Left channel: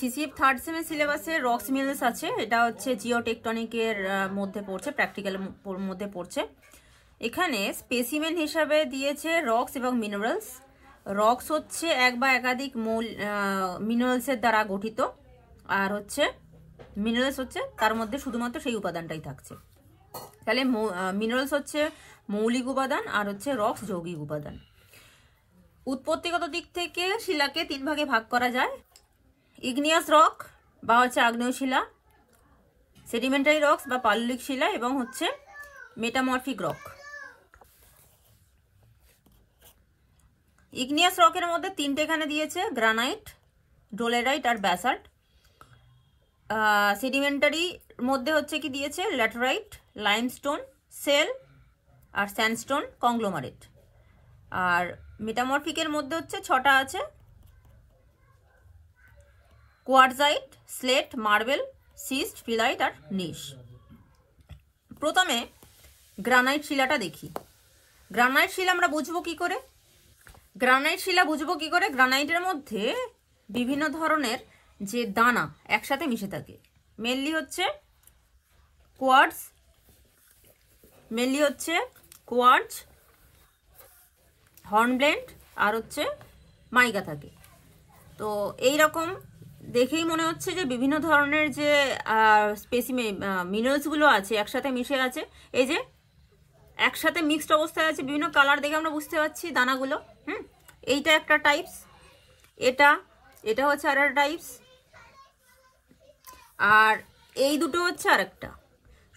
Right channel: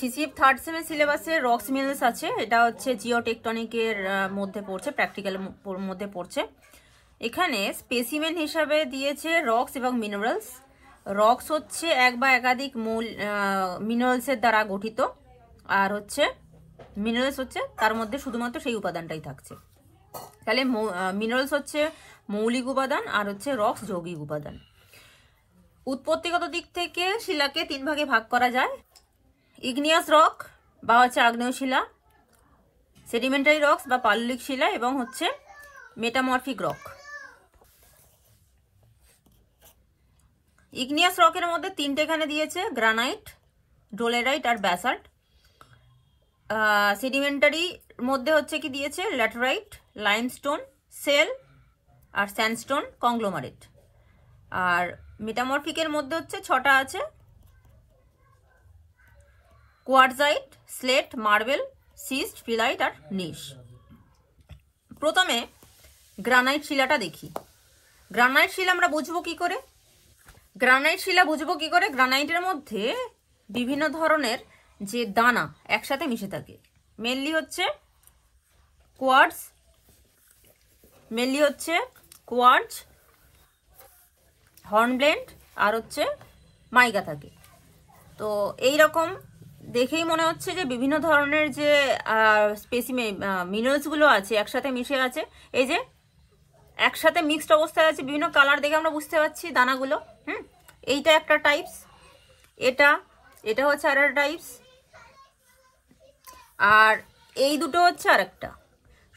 CCF third সেমের সিলেবাসে rocks minerals আছে। এটা হচ্ছে জিওটেকটনিকের মধ্যে পড়ছে, প্র্যাকটিক্যাল মধ্যে পড়ছে। এখানে স্পেসিমেন হিসাবে দিয়েছে রক্স এবং মিনারেলস। রক্স হচ্ছে এক বা একাধিক মূল মিনারেলসের দ্বারা গঠিত, আর হচ্ছে মিনারেলস হচ্ছে তার মধ্যে শুধুমাত্র সেই উপাদানটাই থাকছে। তাহলে মিনারেলস হচ্ছে মৌলিক উপাদান আর হচ্ছে রক্স যৌগিক উপাদান। উৎপত্তিগত দিক থেকে শিলাকে 3 ভাগে ভাগ করা যায়: ইগনিয়াস রক বা হচ্ছে আগ্নেয় শিলা, সেডিমেন্টারি রক্স বা পাললিক শিলা, এবং হচ্ছে মেটামরফিক রক। ইগনিয়াস রকের মধ্যে 3টে এখানে দিয়েছে: গ্রানাইট, ডোলেরাইট আর ব্যাসাল্ট। সেডিমেন্টারি মধ্যে হচ্ছে কি দিয়েছে: ল্যাটেরাইট, লাইমস্টোন, সেল আর স্যান্ডস্টোন কংগ্লোমারেট। আর মেটামরফিকের মধ্যে হচ্ছে 6টা আছে: quartzite, slate, marble, cyst, phyllite আর নিশ। প্রথমে গ্রানাইট শিলাটা দেখি। গ্রানাইট শিলা আমরা বুঝবো কি করে? গ্রানাইটের মধ্যে বিভিন্ন ধরনের যে দানা একসাথে মিশে থাকে। মেনলি হচ্ছে কোয়ার্টজ, হর্নব্লেন্ড আর হচ্ছে মাইকা থাকে। তো এই রকম দেখেই মনে হচ্ছে যে বিভিন্ন ধরনের যে মিনারেলস গুলো আছে একসাথে মিশে আছে। এই যে একসাথে মিক্সড অবস্থায় আছে, বিভিন্ন কালার দেখে আমরা বুঝতে পারছি দানাগুলো। এইটা একটা টাইপস, এটা হচ্ছে আর একটা টাইপস, আর এই দুটো হচ্ছে আর একটা।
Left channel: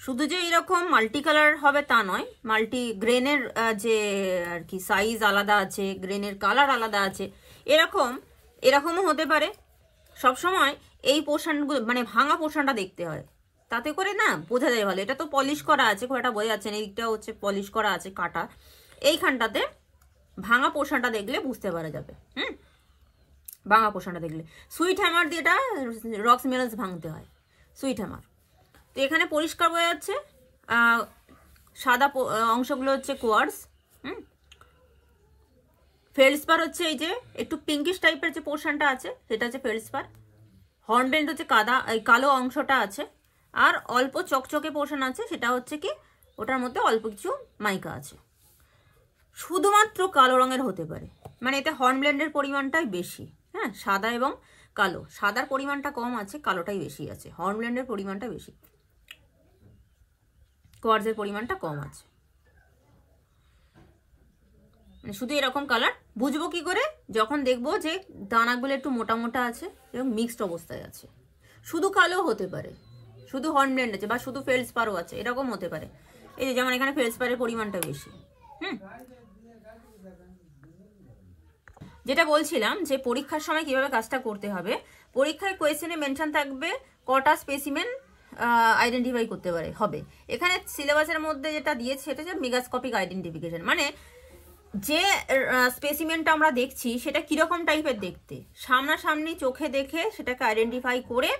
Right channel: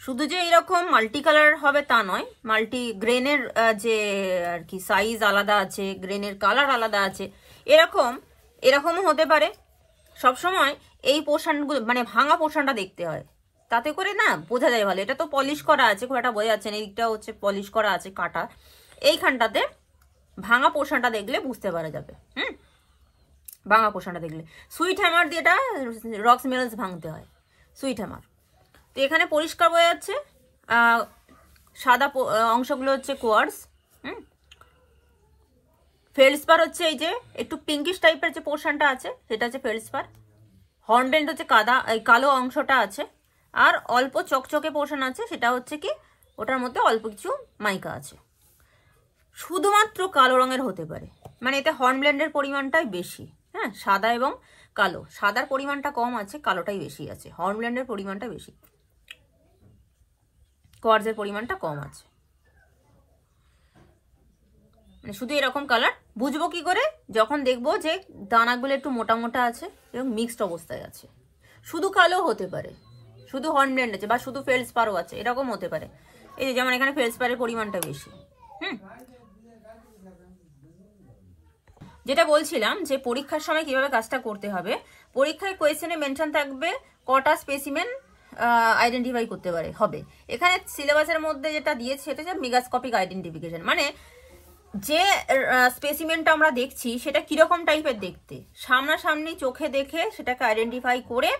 শুধু যে এইরকম মাল্টি কালার হবে তা নয়, মাল্টি গ্রেনের যে আর কি সাইজ আলাদা আছে, গ্রেনের কালার আলাদা আছে, এরকমও হতে পারে। সবসময় এই পোর্শনগুলো মানে ভাঙা পোর্শনটা দেখতে হয়, তাতে করে না বোঝা যায় ভালো। এটা তো পলিশ করা আছে, খুব একটা বোঝা যাচ্ছে না। এইটা হচ্ছে পলিশ করা আছে, কাটা। এইখানটাতে ভাঙা পোর্শনটা দেখলে বুঝতে পারা যাবে। ভাঙা পোর্শনটা দেখলে সুইট হ্যামার দিয়ে এটা রক্স মিনারেলস ভাঙতে হয়, সুইট হ্যামার। তো এখানে পরিষ্কার বোঝা যাচ্ছে সাদা অংশগুলো হচ্ছে কোয়ার্টজ। ফেলসপার হচ্ছে এই যে একটু পিঙ্কিশ টাইপের যে পোর্শনটা আছে সেটা হচ্ছে ফেলসপার। হর্নব্লেন্ড হচ্ছে কালো অংশটা আছে, আর অল্প চকচকে পোর্শন আছে, সেটা হচ্ছে কি ওটার মধ্যে অল্প কিছু মাইকা আছে। শুধুমাত্র কালো রঙের হতে পারে, মানে এতে হর্নব্লেন্ডের পরিমাণটাই বেশি। সাদা এবং কালো, সাদার পরিমাণটা কম আছে, কালোটাই বেশি আছে। হর্নব্লেন্ডের পরিমাণটা বেশি, কোয়ার্টজের পরিমাণটা কম আছে। মানে শুধু এরকম কালার বুঝবো কি করে? যখন দেখবো যে দানাগুলো একটু মোটা মোটা আছে এবং মিক্সড অবস্থায় আছে। শুধু কালো হতে পারে, শুধু হর্নব্লেন্ড আছে, বা শুধু ফেলসপারও আছে, এরকম হতে পারে। এই যে যেমন এখানে ফেলসপারের পরিমাণটা বেশি। যেটা বলছিলাম যে পরীক্ষার সময় কিভাবে কাজটা করতে হবে। পরীক্ষায় কোয়েশ্চেনে মেনশন থাকবে কটা স্পেসিমেন আইডেন্টিফাই করতে হবে। এখানে সিলেবাসের মধ্যে যেটা দিয়েছে সেটা হচ্ছে মেগাস্কোপিক আইডেন্টিফিকেশন, মানে যে স্পেসিমেনটা আমরা দেখছি সেটা কিরকম টাইপের দেখতে, সামনাসামনি চোখে দেখে সেটাকে আইডেন্টিফাই করে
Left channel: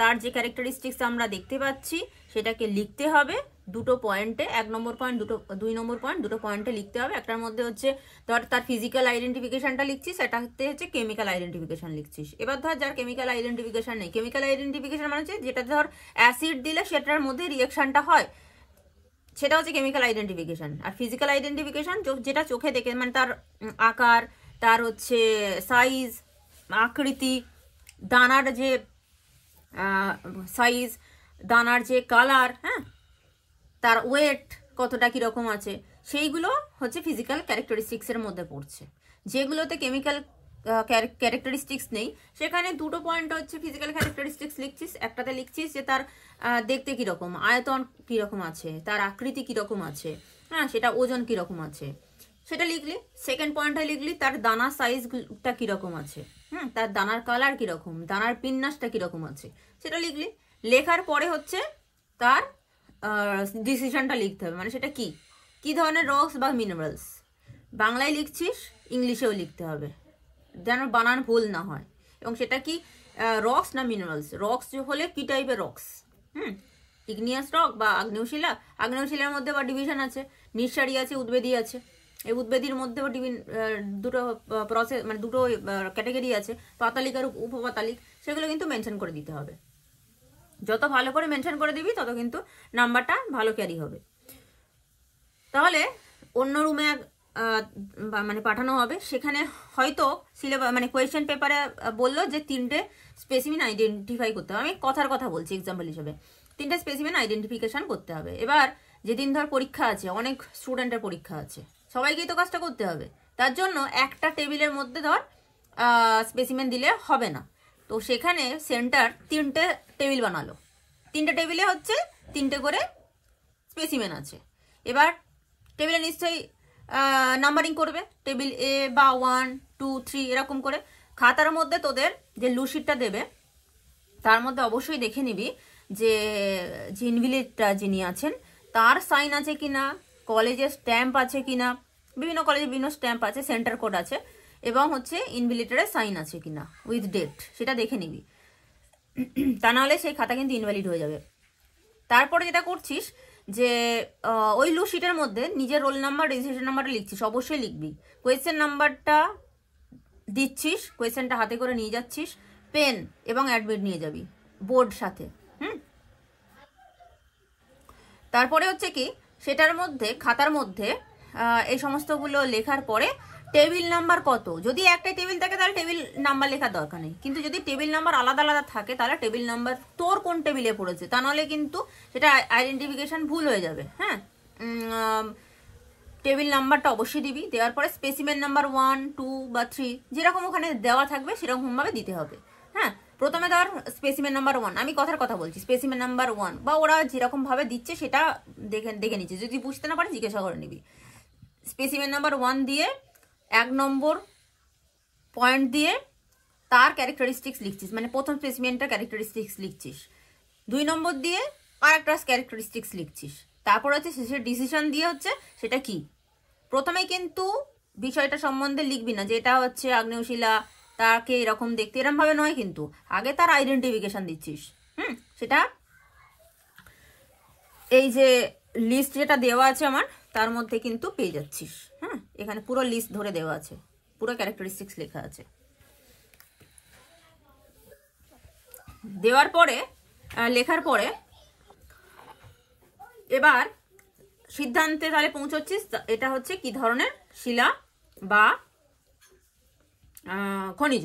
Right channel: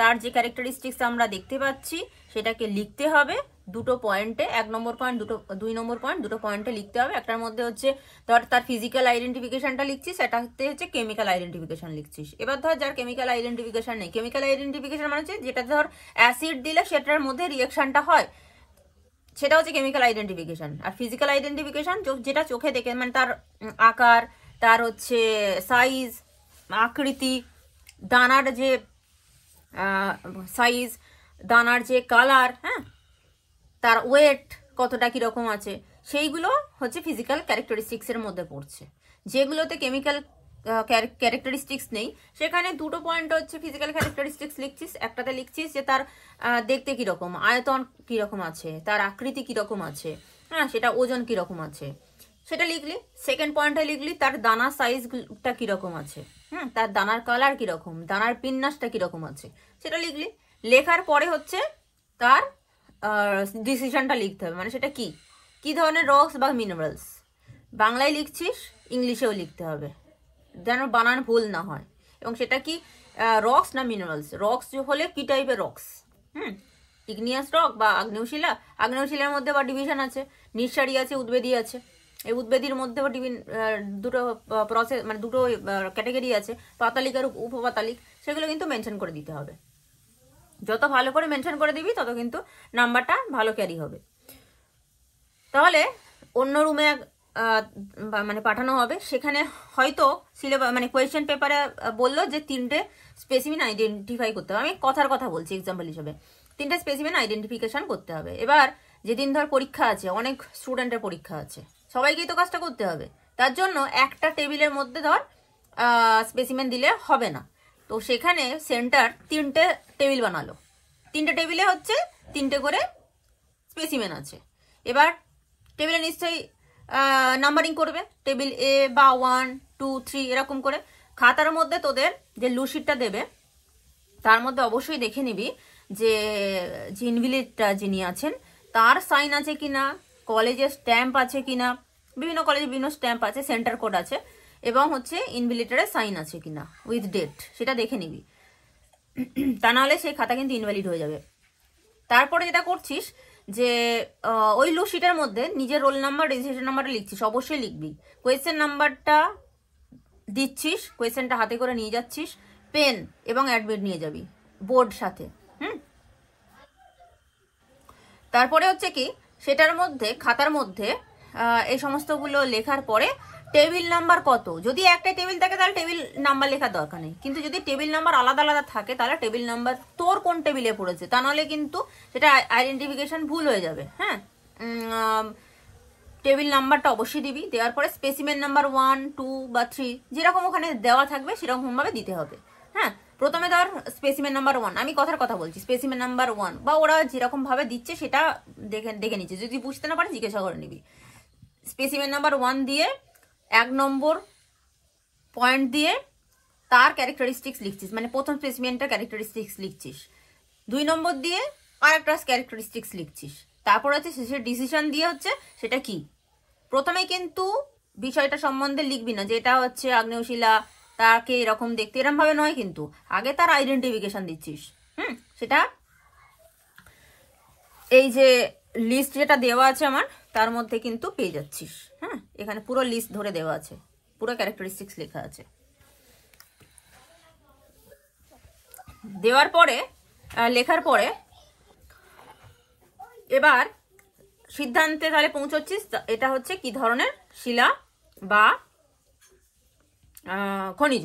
তার যে ক্যারেক্টারিস্টিক্স আমরা দেখতে পাচ্ছি সেটাকে লিখতে হবে দুটো পয়েন্টে। 1 নম্বর পয়েন্ট, 2 নম্বর পয়েন্ট, দুটো পয়েন্টে লিখতে হবে। একটার মধ্যে হচ্ছে ধর তার ফিজিক্যাল আইডেন্টিফিকেশনটা লিখছিস, সেটাতে হচ্ছে কেমিক্যাল আইডেন্টিফিকেশন লিখছিস। এবার ধর যার কেমিক্যাল আইডেন্টিফিকেশন নেই, কেমিক্যাল আইডেন্টিফিকেশন মানে হচ্ছে যেটা ধর অ্যাসিড দিলে সেটার মধ্যে রিয়াকশনটা হয়, সেটা হচ্ছে কেমিক্যাল আইডেন্টিফিকেশন। আর ফিজিক্যাল আইডেন্টিফিকেশন যেটা চোখে দেখে, মানে তার আকার, তার হচ্ছে সাইজ, আকৃতি, দানার যে সাইজ, দানার যে কালার, তার ওয়েট কতটা কিরকম আছে, সেইগুলো হচ্ছে ফিজিক্যাল ক্যারেক্টারিস্টিক্সের মধ্যে পড়ছে। যেগুলোতে কেমিক্যাল ক্যারেক্টারিস্টিক্স নেই সেখানে দুটো পয়েন্ট হচ্ছে ফিজিক্যাল ক্যারেক্টারিস্টিক্স লিখছিস। একটাতে লিখছিস যে তার দেখতে কিরকম, আয়তন কিরকম আছে, তার আকৃতি কিরকম আছে, সেটা ওজন কিরকম আছে সেটা লিখলি। সেকেন্ড পয়েন্টে লিখলি তার দানা সাইজটা কিরকম আছে, তার দানার কালার কিরকম, দানার বিন্যাসটা কিরকম আছে সেটা লিখলি। লেখার পরে হচ্ছে তার ডিসিশনটা লিখতে হবে, মানে সেটা কি ধরনের রক্স বা মিনারেলস। বাংলায় লিখছিস, ইংলিশেও লিখতে হবে যেন বানান ভুল না হয়। এবং সেটা কি রক্স না মিনারেলস, রক্স হলে কি টাইপের রক্স, ইগনিয়াস রক বা আগ্নেয়শিলা। আগ্নেয়শিলার মধ্যে বা ডিভিশন আছে, নিঃসারী আছে, উদ্বেদী আছে। এই উদ্বেদীর মধ্যেও দুটো প্রসেস মানে দুটো ক্যাটাগরি আছে, পাতালিক আর উপপাতালিক, সেগুলো কিন্তু মেনশন করে দিতে হবে। যত ভালো করে মেনশন করে দিবি তত কিন্তু নাম্বারটা ভালো ক্যারি হবে। তাহলে অন্য রুমে মানে পাঠানো হবে, সেখানে হয়তো সিলেবাস মানে কোয়েশ্চেন পেপারে বললো যে 3টে স্পেসিমেন আইডেন্টিফাই করতে হবে। আমি কথার কথা বলছি এক্সাম্পল হিসেবে, 3টে স্পেসিমেন আইডেন্টিফিকেশন করতে হবে। এবার যেদিন ধর পরীক্ষা আছে, অনেক স্টুডেন্টের পরীক্ষা আছে, সবাইকেই তো কাজটা করতে হবে। তার জন্য একটা টেবিলের মধ্যে ধর স্পেসিমেন দিলে হবে না, তো সেখানে সেন্টার 3টে টেবিল বানালো। 3টে টেবিলে হচ্ছে 3টে করে স্পেসিমেন আছে। এবার টেবিলে নিশ্চয়ই নাম্বারিং করবে, টেবিল এ বা 1 2 3 এরকম করে। খাতার মধ্যে তোদের যে লুশিটটা দেবে তার মধ্যে অবশ্যই দেখে নিবি যে ইনভিলিটটা যিনি আছেন তার সাইন আছে কিনা, কলেজের স্ট্যাম্প আছে কিনা, বিভিন্ন কলেজে বিভিন্ন স্ট্যাম্প আছে, সেন্টার কোড আছে, এবং হচ্ছে ইনভিলিটারের সাইন আছে কিনা উইথ ডেট, সেটা দেখে নিবি। তা নাহলে সেই খাতা কিন্তু ইনভ্যালিড হয়ে যাবে। তারপরে যেটা করছিস যে ওই লুশিটের মধ্যে নিজের রোল নাম্বার, রেজিস্ট্রেশন নাম্বারটা লিখছিস, অবশ্যই লিখবি। কোয়েশ্চেন নাম্বারটা দিচ্ছিস, কোয়েশ্চেনটা হাতে করে নিয়ে যাচ্ছিস, পেন এবং অ্যাডমিট নিয়ে যাবি বোর্ড সাথে। তারপরে হচ্ছে কি সেটার মধ্যে খাতার মধ্যে এই সমস্তগুলো লেখার পরে টেবিল নাম্বার কত, যদি একটা টেবিল থাকে তাহলে টেবিল নাম্বার লেখার দরকার নেই, কিন্তু যদি টেবিল নাম্বার আলাদা আলাদা থাকে তাহলে টেবিল নাম্বার তোর কোন টেবিলে পড়েছে, তা নাহলে কিন্তু সেটা আইডেন্টিফিকেশন ভুল হয়ে যাবে। হ্যাঁ, টেবিল নাম্বারটা অবশ্যই দিবি। দেওয়ার পরে স্পেসিমেন নাম্বার 1 2 বা 3 যেরকম ওখানে দেওয়া থাকবে সেরকম ভাবে দিতে হবে। হ্যাঁ, প্রথমে ধর স্পেসিমেন নাম্বার 1, আমি কথার কথা বলছি, স্পেসিমেন নাম্বার 1 বা ওরা যেরকম ভাবে দিচ্ছে সেটা দেখে নিচ্ছে, যদি বুঝতে না পারে জিজ্ঞাসা করে নিবি। স্পেসিমেন নাম্বার 1 দিয়ে 1 নম্বর পয়েন্ট দিয়ে তার ক্যারেক্টারিস্টিক্স লিখছিস, মানে প্রথম স্পেসিমেনটার ক্যারেক্টারিস্টিক্স লিখছিস। 2 নম্বর দিয়ে আর একটা ক্যারেক্টারিস্টিক্স লিখছিস। তারপর হচ্ছে শেষের ডিসিশন দিয়ে হচ্ছে সেটা কি। প্রথমে কিন্তু বিষয়টা সম্বন্ধে লিখবি না যে এটা হচ্ছে আগ্নেয়শিলা, তাকে এরকম দেখতে, এরকম ভাবে নয়, কিন্তু আগে তার আইডেন্টিফিকেশন দিচ্ছিস। সেটা এই যে লিস্ট যেটা দেওয়া আছে আমার তার মধ্যে কিন্তু পেয়ে যাচ্ছিস। হ্যাঁ, এখানে পুরো লিস্ট ধরে দেওয়া আছে, পুরো ক্যারেক্টারিস্টিক্স লেখা আছে। দেওয়ার পরে লেখার পরে এবার সিদ্ধান্তে তাহলে পৌঁছচ্ছিস এটা হচ্ছে কি ধরনের শিলা বা খনিজ।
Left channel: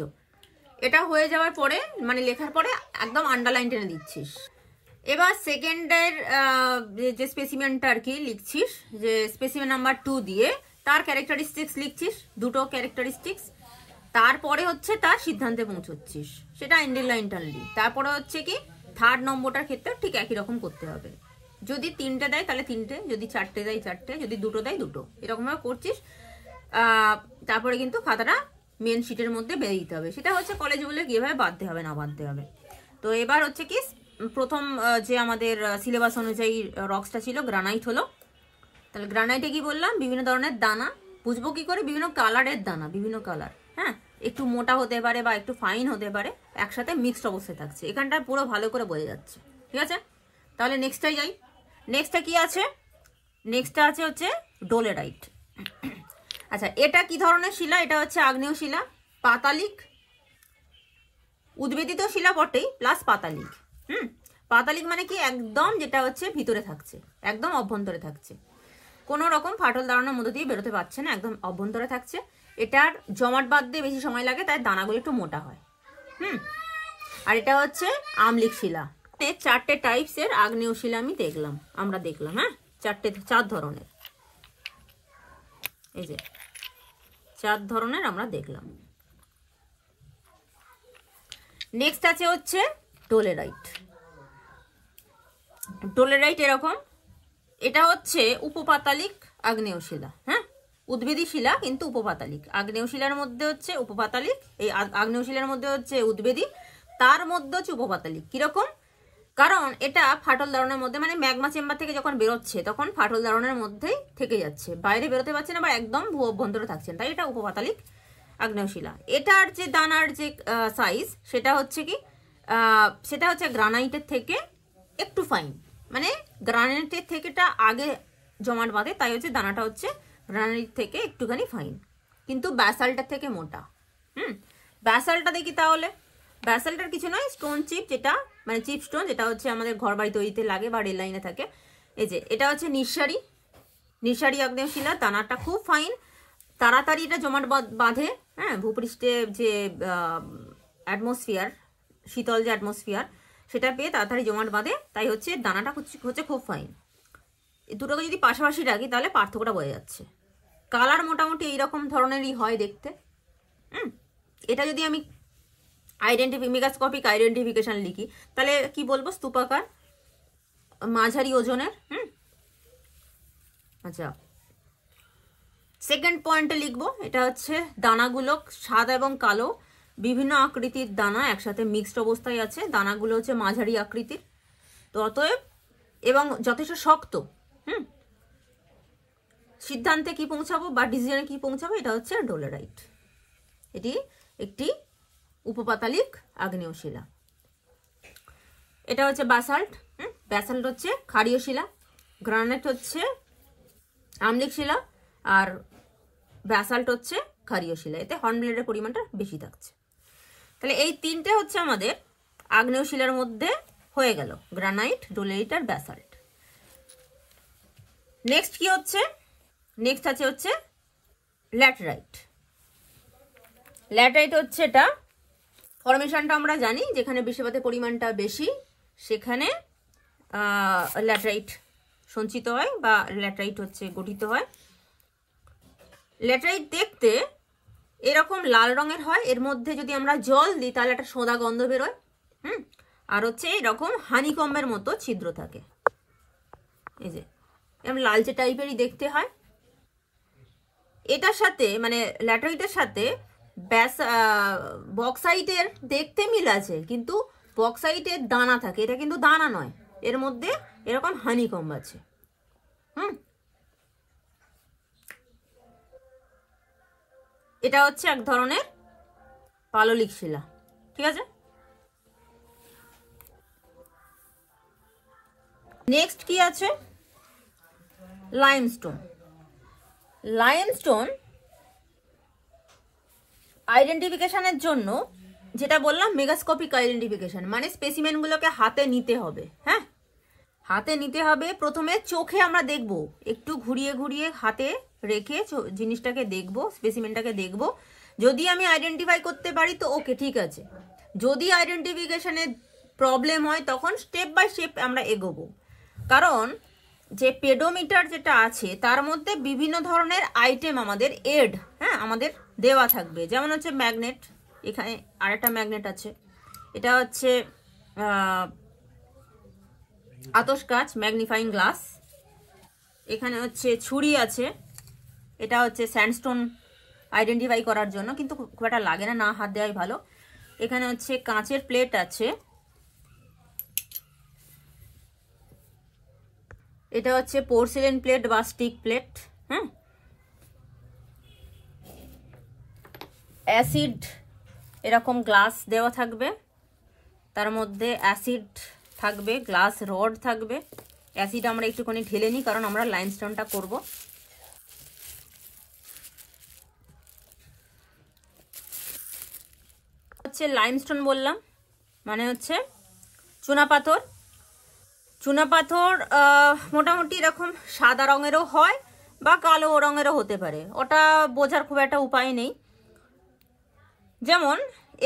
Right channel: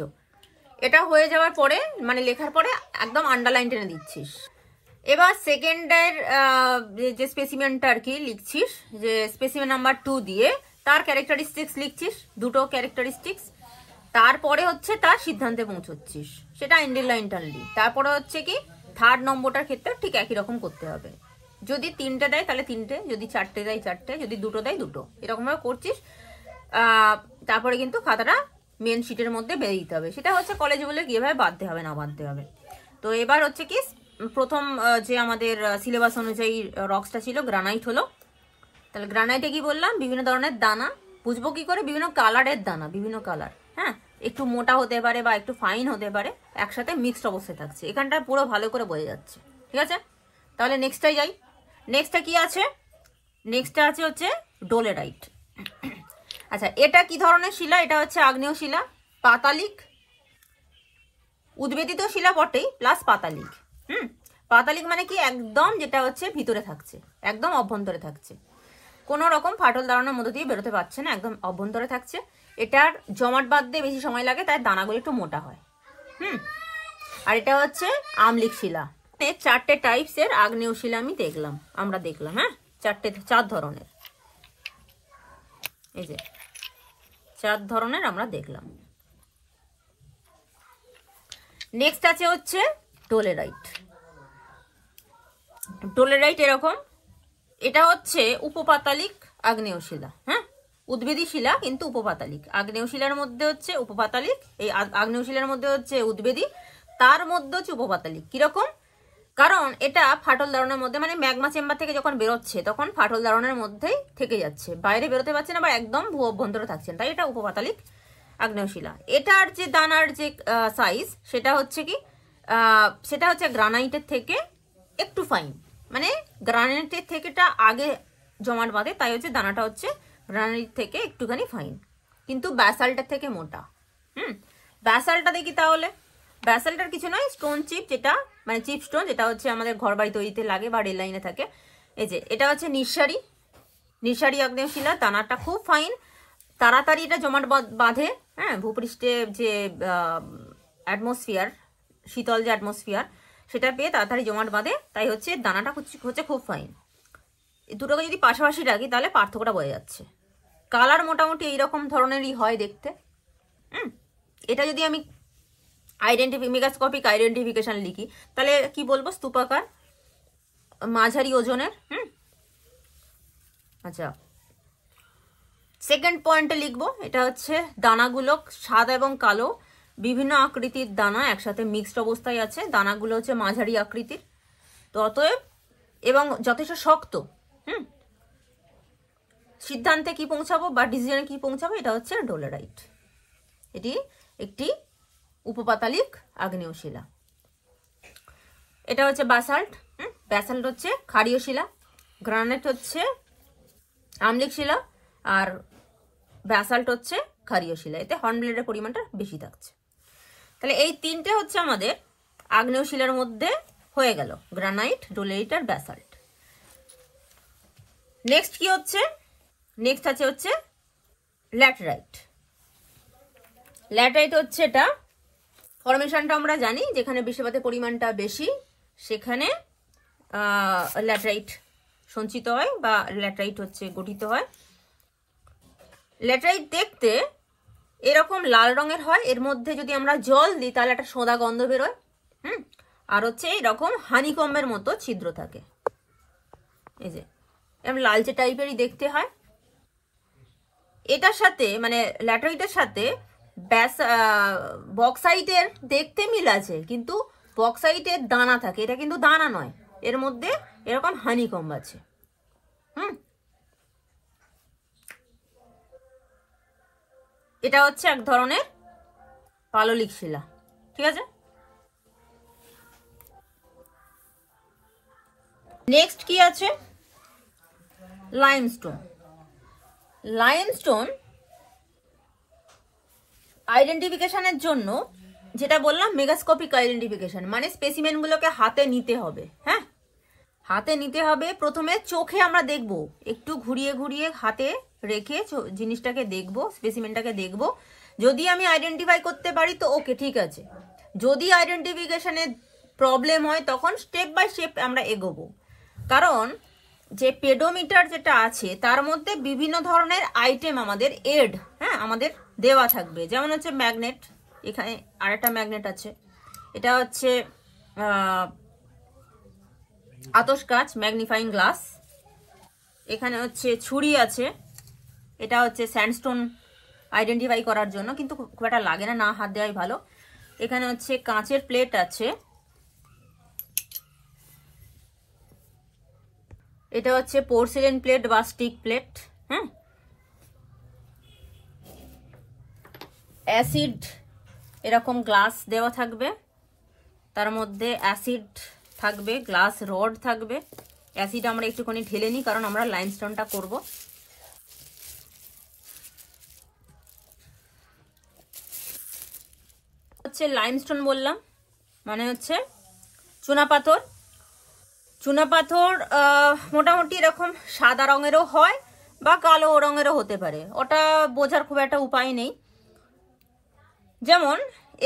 এটা হয়ে যাওয়ার পরে মানে লেখার পরে একদম আন্ডারলাইন টেনে দিচ্ছিস। এবার সেকেন্ডের যে স্পেসিমেনটা আর কি লিখছিস, যে স্পেসিমেন নাম্বার 2 দিয়ে তার ক্যারেক্টারিস্টিক্স লিখছিস, দুটো ক্যারেক্টারিস্টিক্স। তারপরে হচ্ছে তার সিদ্ধান্তে পৌঁছচ্ছিস, সেটা আন্ডারলাইন টানলি। তারপরে হচ্ছে কি থার্ড নম্বরটার ক্ষেত্রে ঠিক একই রকম করতে হবে। যদি 3টে দেয় তাহলে 3টে, যদি 4টে দেয় 4টে, যদি 2টো দেয় 2টো, এরকমভাবে করছিস। তারপরে কিন্তু খাতাটা মেন শিটের মধ্যে বেরিয়ে দিতে হবে। সেটা হচ্ছে কলেজ বলে কিভাবে বাঁধতে হবে না বাঁধতে হবে। তো এবার হচ্ছে কি প্রথম যে আমাদের সিলেবাস অনুযায়ী রক্সটা ছিল গ্রানাইট হলো। তাহলে গ্রানাইটে কি বললাম, বিভিন্ন ধরনের দানা, বুঝবো কি করে, বিভিন্ন কালারের দানা, বিভিন্ন কালার। হ্যাঁ, একটু মোটা হতে পারে বা একটু ফাইন হতে পারে, একসাথে মিক্সড অবস্থায় থাকছে। এখানটা পুরো ভালো করে বোঝা যাচ্ছে। ঠিক আছে, তাহলে নেক্সটটাই যাই। নেক্সটটা কি আছে, নেক্সটটা আছে হচ্ছে ডোলেরাইট। আচ্ছা, এটা কি ধরনের শিলা, এটা হচ্ছে আগ্নেয় শিলা, পাতালিক, উদ্বেদিত শিলা বটেই প্লাস পাতালিক। পাতালিক মানে কি, একদম যেটা হচ্ছে ভিতরে থাকছে, একদম অভ্যন্তরে থাকছে, কোনো রকম ফাটল দাঁড়ানোর মধ্যে দিয়ে বেরোতে পারছে না, একদম অভ্যন্তরে থাকছে। এটার জমাট বাঁধতে বেশি সময় লাগে, তাই দানাগুলো একটু মোটা হয়। আর এটা হচ্ছে আম্লিক শিলা। 4টে টাইপসের আগ্নেয় শিলা আমরা দেখলাম। হ্যাঁ, 4 ধরনের, এই যে 4 ধরনের আমরা দেখলাম। নেক্সট আছে হচ্ছে ডোলেরাইট। ডোলেরাইট এরকম, এটা হচ্ছে উপপাতালিক আগ্নেয় শিলা। হ্যাঁ, উদ্ভিদী শিলা কিন্তু উপপাতালিক। আগ্নেয় শিলার মধ্যে হচ্ছে উপপাতালিক, এই আগ্নেয় শিলার মধ্যে হচ্ছে উদ্ভিদী, তার মধ্যে হচ্ছে উপপাতালিক। কিরকম, কারণ এটা ফাটল দাঁড়ানোর মধ্যে, মানে ম্যাগমা চেম্বার থেকে যখন বেরোচ্ছে তখন ফাটল দাঁড়ানোর মধ্যেই থেকে যাচ্ছে, বাইরে বেরোতে পারছে না বা একদম ভূ অভ্যন্তরে থাকছে, তাই এটা উপপাতালিক আগ্নেয় শিলা। এটার যে দানার যে সাইজ সেটা হচ্ছে কি, সেটা হচ্ছে গ্রানাইটের থেকে একটু ফাইন, মানে গ্রানাইটের থেকেটা আগে জমাট বাঁধে, তাই হচ্ছে দানাটা হচ্ছে গ্রানাইট থেকে একটুখানি ফাইন, কিন্তু ব্যাসাল্টের থেকে মোটা। ব্যাসাল্টটা দেখি তাহলে। ব্যাসাল্টের কিছু নয়, স্টোন চিপ, যেটা মানে চিপ স্টোন, যেটা হচ্ছে আমাদের ঘর বাড়ি তৈরিতে লাগে বা রেল লাইনে থাকে। এই যে এটা হচ্ছে নিঃসারী আগ্নেয় শিলা, দানাটা খুব ফাইন, তাড়াতাড়ি এটা জমাট বাঁধে। হ্যাঁ, ভূপৃষ্ঠে যে অ্যাটমসফিয়ার, শীতল যে অ্যাটমসফিয়ার, সেটা পেয়ে তাড়াতাড়ি জমাট বাঁধে, তাই হচ্ছে দানাটা হচ্ছে খুব ফাইন। দুটোকে যদি পাশাপাশি রাখি তাহলে পার্থক্যটা বোঝা যাচ্ছে। কালার মোটামুটি এইরকম ধরনেরই হয় দেখতে। এটা যদি আমি মেগাস্কোপিক আইডেন্টিফিকেশন লিখি তাহলে কি বলবো? স্তূপাকার, মাঝারি ওজনের। আচ্ছা, সেকেন্ড পয়েন্টে লিখবো, এটা হচ্ছে দানাগুলো সাদা এবং কালো, বিভিন্ন আকৃতির দানা একসাথে মিক্সড অবস্থায় আছে। দানাগুলো হচ্ছে মাঝারি আকৃতির, তো অতএব এবং যথেষ্ট শক্ত। সিদ্ধান্তে কি পৌঁছাবো বা ডিসিশনে কি পৌঁছাবো? এটা হচ্ছে ডোলেরাইট। এটি একটি উপপাতালিক আগ্নেয় শিলা। এটা হচ্ছে ব্যাসাল্ট। ব্যাসাল্ট হচ্ছে ক্ষারীয় শিলা, গ্রানাইট হচ্ছে আম্লিক শিলা, আর ব্যাসাল্ট হচ্ছে ক্ষারীয় শিলা। এতে হর্নব্লেডের পরিমাণটা বেশি থাকছে। তাহলে এই তিনটে হচ্ছে আমাদের আগ্নেয় শিলার মধ্যে হয়ে গেল, গ্রানাইট, ডোলেরাইট আর ব্যাসাল্ট। নেক্সট কি হচ্ছে? নেক্সট আছে হচ্ছে ল্যাটেরাইট। ল্যাটেরাইট হচ্ছে এটা ফরমেশনটা আমরা জানি, যেখানে বৃষ্টিপাতের পরিমাণটা বেশি সেখানে ল্যাটেরাইট সঞ্চিত হয় বা ল্যাটেরাইট হচ্ছে গঠিত হয়। ল্যাটেরাইট দেখতে এরকম লাল রঙের হয়, এর মধ্যে যদি আমরা জল দিই তাহলে একটা সোঁদা গন্ধ বেরোয়। আর হচ্ছে এইরকম হানিকম্বের মতো ছিদ্র থাকে, এই যে এরকম লালচে টাইপেরই দেখতে হয়। এটার সাথে মানে ল্যাটেরাইটের সাথে বক্সাইটের দেখতে মিল আছে, কিন্তু বক্সাইটের দানা থাকে, এটা কিন্তু দানা নয়, এর মধ্যে এরকম হানিকম্ব আছে। এটা হচ্ছে এক ধরনের পাললিক শিলা, ঠিক আছে। নেক্সট কি আছে? লাইমস্টোন। লাইমস্টোন আইডেন্টিফিকেশনের জন্য যেটা বললাম মেগাস্কোপিক আইডেন্টিফিকেশন, মানে স্পেসিমেনগুলোকে হাতে নিতে হবে। হ্যাঁ, হাতে নিতে হবে। প্রথমে চোখে আমরা দেখব, একটু ঘুরিয়ে ঘুরিয়ে হাতে রেখে জিনিসটাকে দেখব, স্পেসিমেনটাকে দেখব। যদি আমি আইডেন্টিফাই করতে পারি তো ওকে, ঠিক আছে। যদি আইডেন্টিফিকেশনে প্রবলেম হয় তখন স্টেপ বাই স্টেপ আমরা এগোবো, কারণ যে পেডোমিটার যেটা আছে তার মধ্যে বিভিন্ন ধরনের আইটেম আমাদের আমাদের দেওয়া থাকবে। যেমন হচ্ছে ম্যাগনেট, এখানে আরেকটা ম্যাগনেট আছে, এটা হচ্ছে আতশ কাঁচ, ম্যাগনিফাইং গ্লাস। এখানে হচ্ছে ছুরি আছে, এটা হচ্ছে স্যান্ডস্টোন আইডেন্টিফাই করার জন্য, কিন্তু খুব একটা লাগে না, হাত দেওয়াই ভালো। এখানে হচ্ছে কাঁচের প্লেট আছে, এটা হচ্ছে পোর্সেলেন প্লেট বা স্টিক প্লেট। অ্যাসিড এরকম গ্লাস দেওয়া থাকবে, তার মধ্যে অ্যাসিড থাকবে, গ্লাস রড থাকবে। অ্যাসিড আমরা একটুখানি ঢেলে নিই, কারণ আমরা লাইমস্টোনটা করব। হচ্ছে লাইমস্টোন বললাম মানে হচ্ছে চুনাপাথর। চুনাপাথর মোটামুটি এরকম সাদা রঙেরও হয় বা কালো রঙেরও হতে পারে, ওটা বোঝার খুব একটা উপায় নেই। যেমন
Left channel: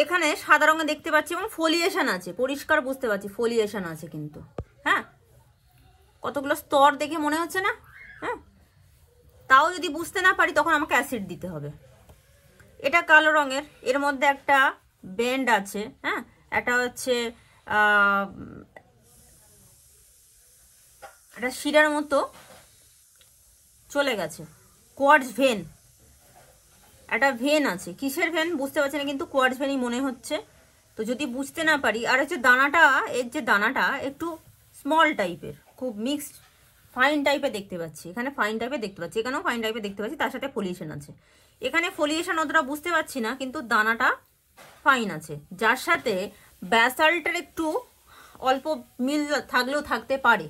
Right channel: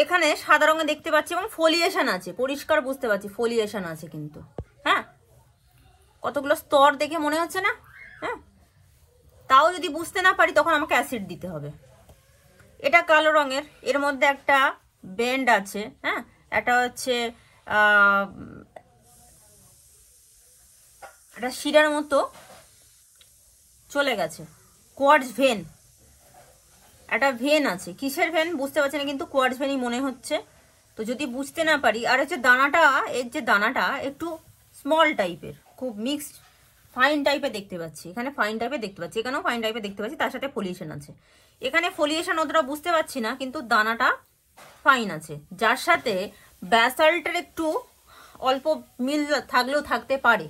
এখানে সাদা রঙে দেখতে পাচ্ছি এবং ফলিয়েশন আছে, পরিষ্কার বুঝতে পারছি ফলিয়েশন আছে, কিন্তু হ্যাঁ কতগুলো স্তর দেখে মনে হচ্ছে না? হ্যাঁ, তাও যদি বুঝতে না পারি তখন আমাকে অ্যাসিড দিতে হবে। এটা কালো রঙের, এর মধ্যে একটা বেন্ড আছে। হ্যাঁ, একটা হচ্ছে একটা শিরার মতো চলে গেছে, কোয়ার্টজ ভেন, একটা ভেন আছে। কিসের ভেন বুঝতে পারছি না, কিন্তু কোয়ার্টজ ভেনই মনে হচ্ছে। তো যদি বুঝতে না পারি, আর হচ্ছে দানাটা, এর যে দানাটা একটু স্মল টাইপের, খুব মিক্সড ফাইন টাইপের দেখতে পাচ্ছি। এখানে ফাইন টাইপের দেখতে পাচ্ছি, এখানেও ফাইন টাইপের দেখতে পাচ্ছি, তার সাথে ফলিয়েশন আছে। এখানে ফলিয়েশন অতটা বুঝতে পারছি না, কিন্তু দানাটা ফাইন আছে, যার সাথে ব্যাসাল্টের একটু অল্প মিল থাকলেও থাকতে পারে।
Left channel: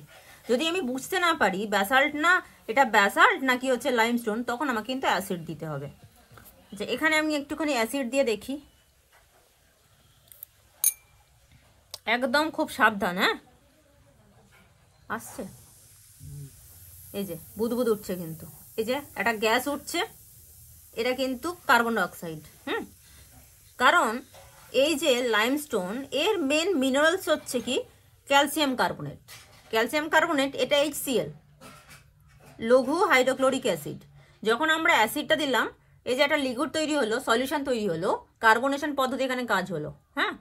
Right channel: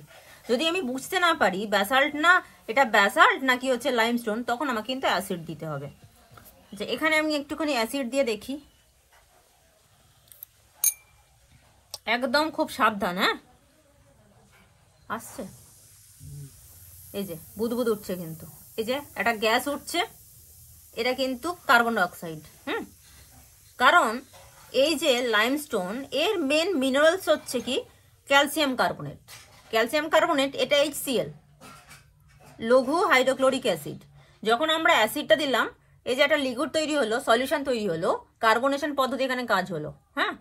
যদি আমি বুঝতে না পারি ব্যাসাল্ট না এটা ব্যাসাল্ট নাকি হচ্ছে লাইমস্টোন, তখন আমাকে কিন্তু অ্যাসিড দিতে হবে। আচ্ছা, এখানে আমি একটুখানি অ্যাসিড দিয়ে দেখি, একদম খুব সাবধান। হ্যাঁ, আসছে, এই যে বুদবুদ উঠছে, কিন্তু এই যে একটা গ্যাস উঠছে, এটা কিন্তু কার্বন ডাইঅক্সাইড। হ্যাঁ, কারণ এই যে লাইমস্টোন এর মেন মিনারেলস হচ্ছে কি ক্যালসিয়াম কার্বনেট। ক্যালসিয়াম কার্বনেট এটা HCl, লঘু হাইড্রোক্লোরিক অ্যাসিড। যখন আমরা অ্যাসিডটা দিলাম, এই যে একটা লিকুইড তৈরি হলো, সলিউশন তৈরি হলো, কার্বনেশন পদ্ধতি এখানে কাজ হলো। হ্যাঁ,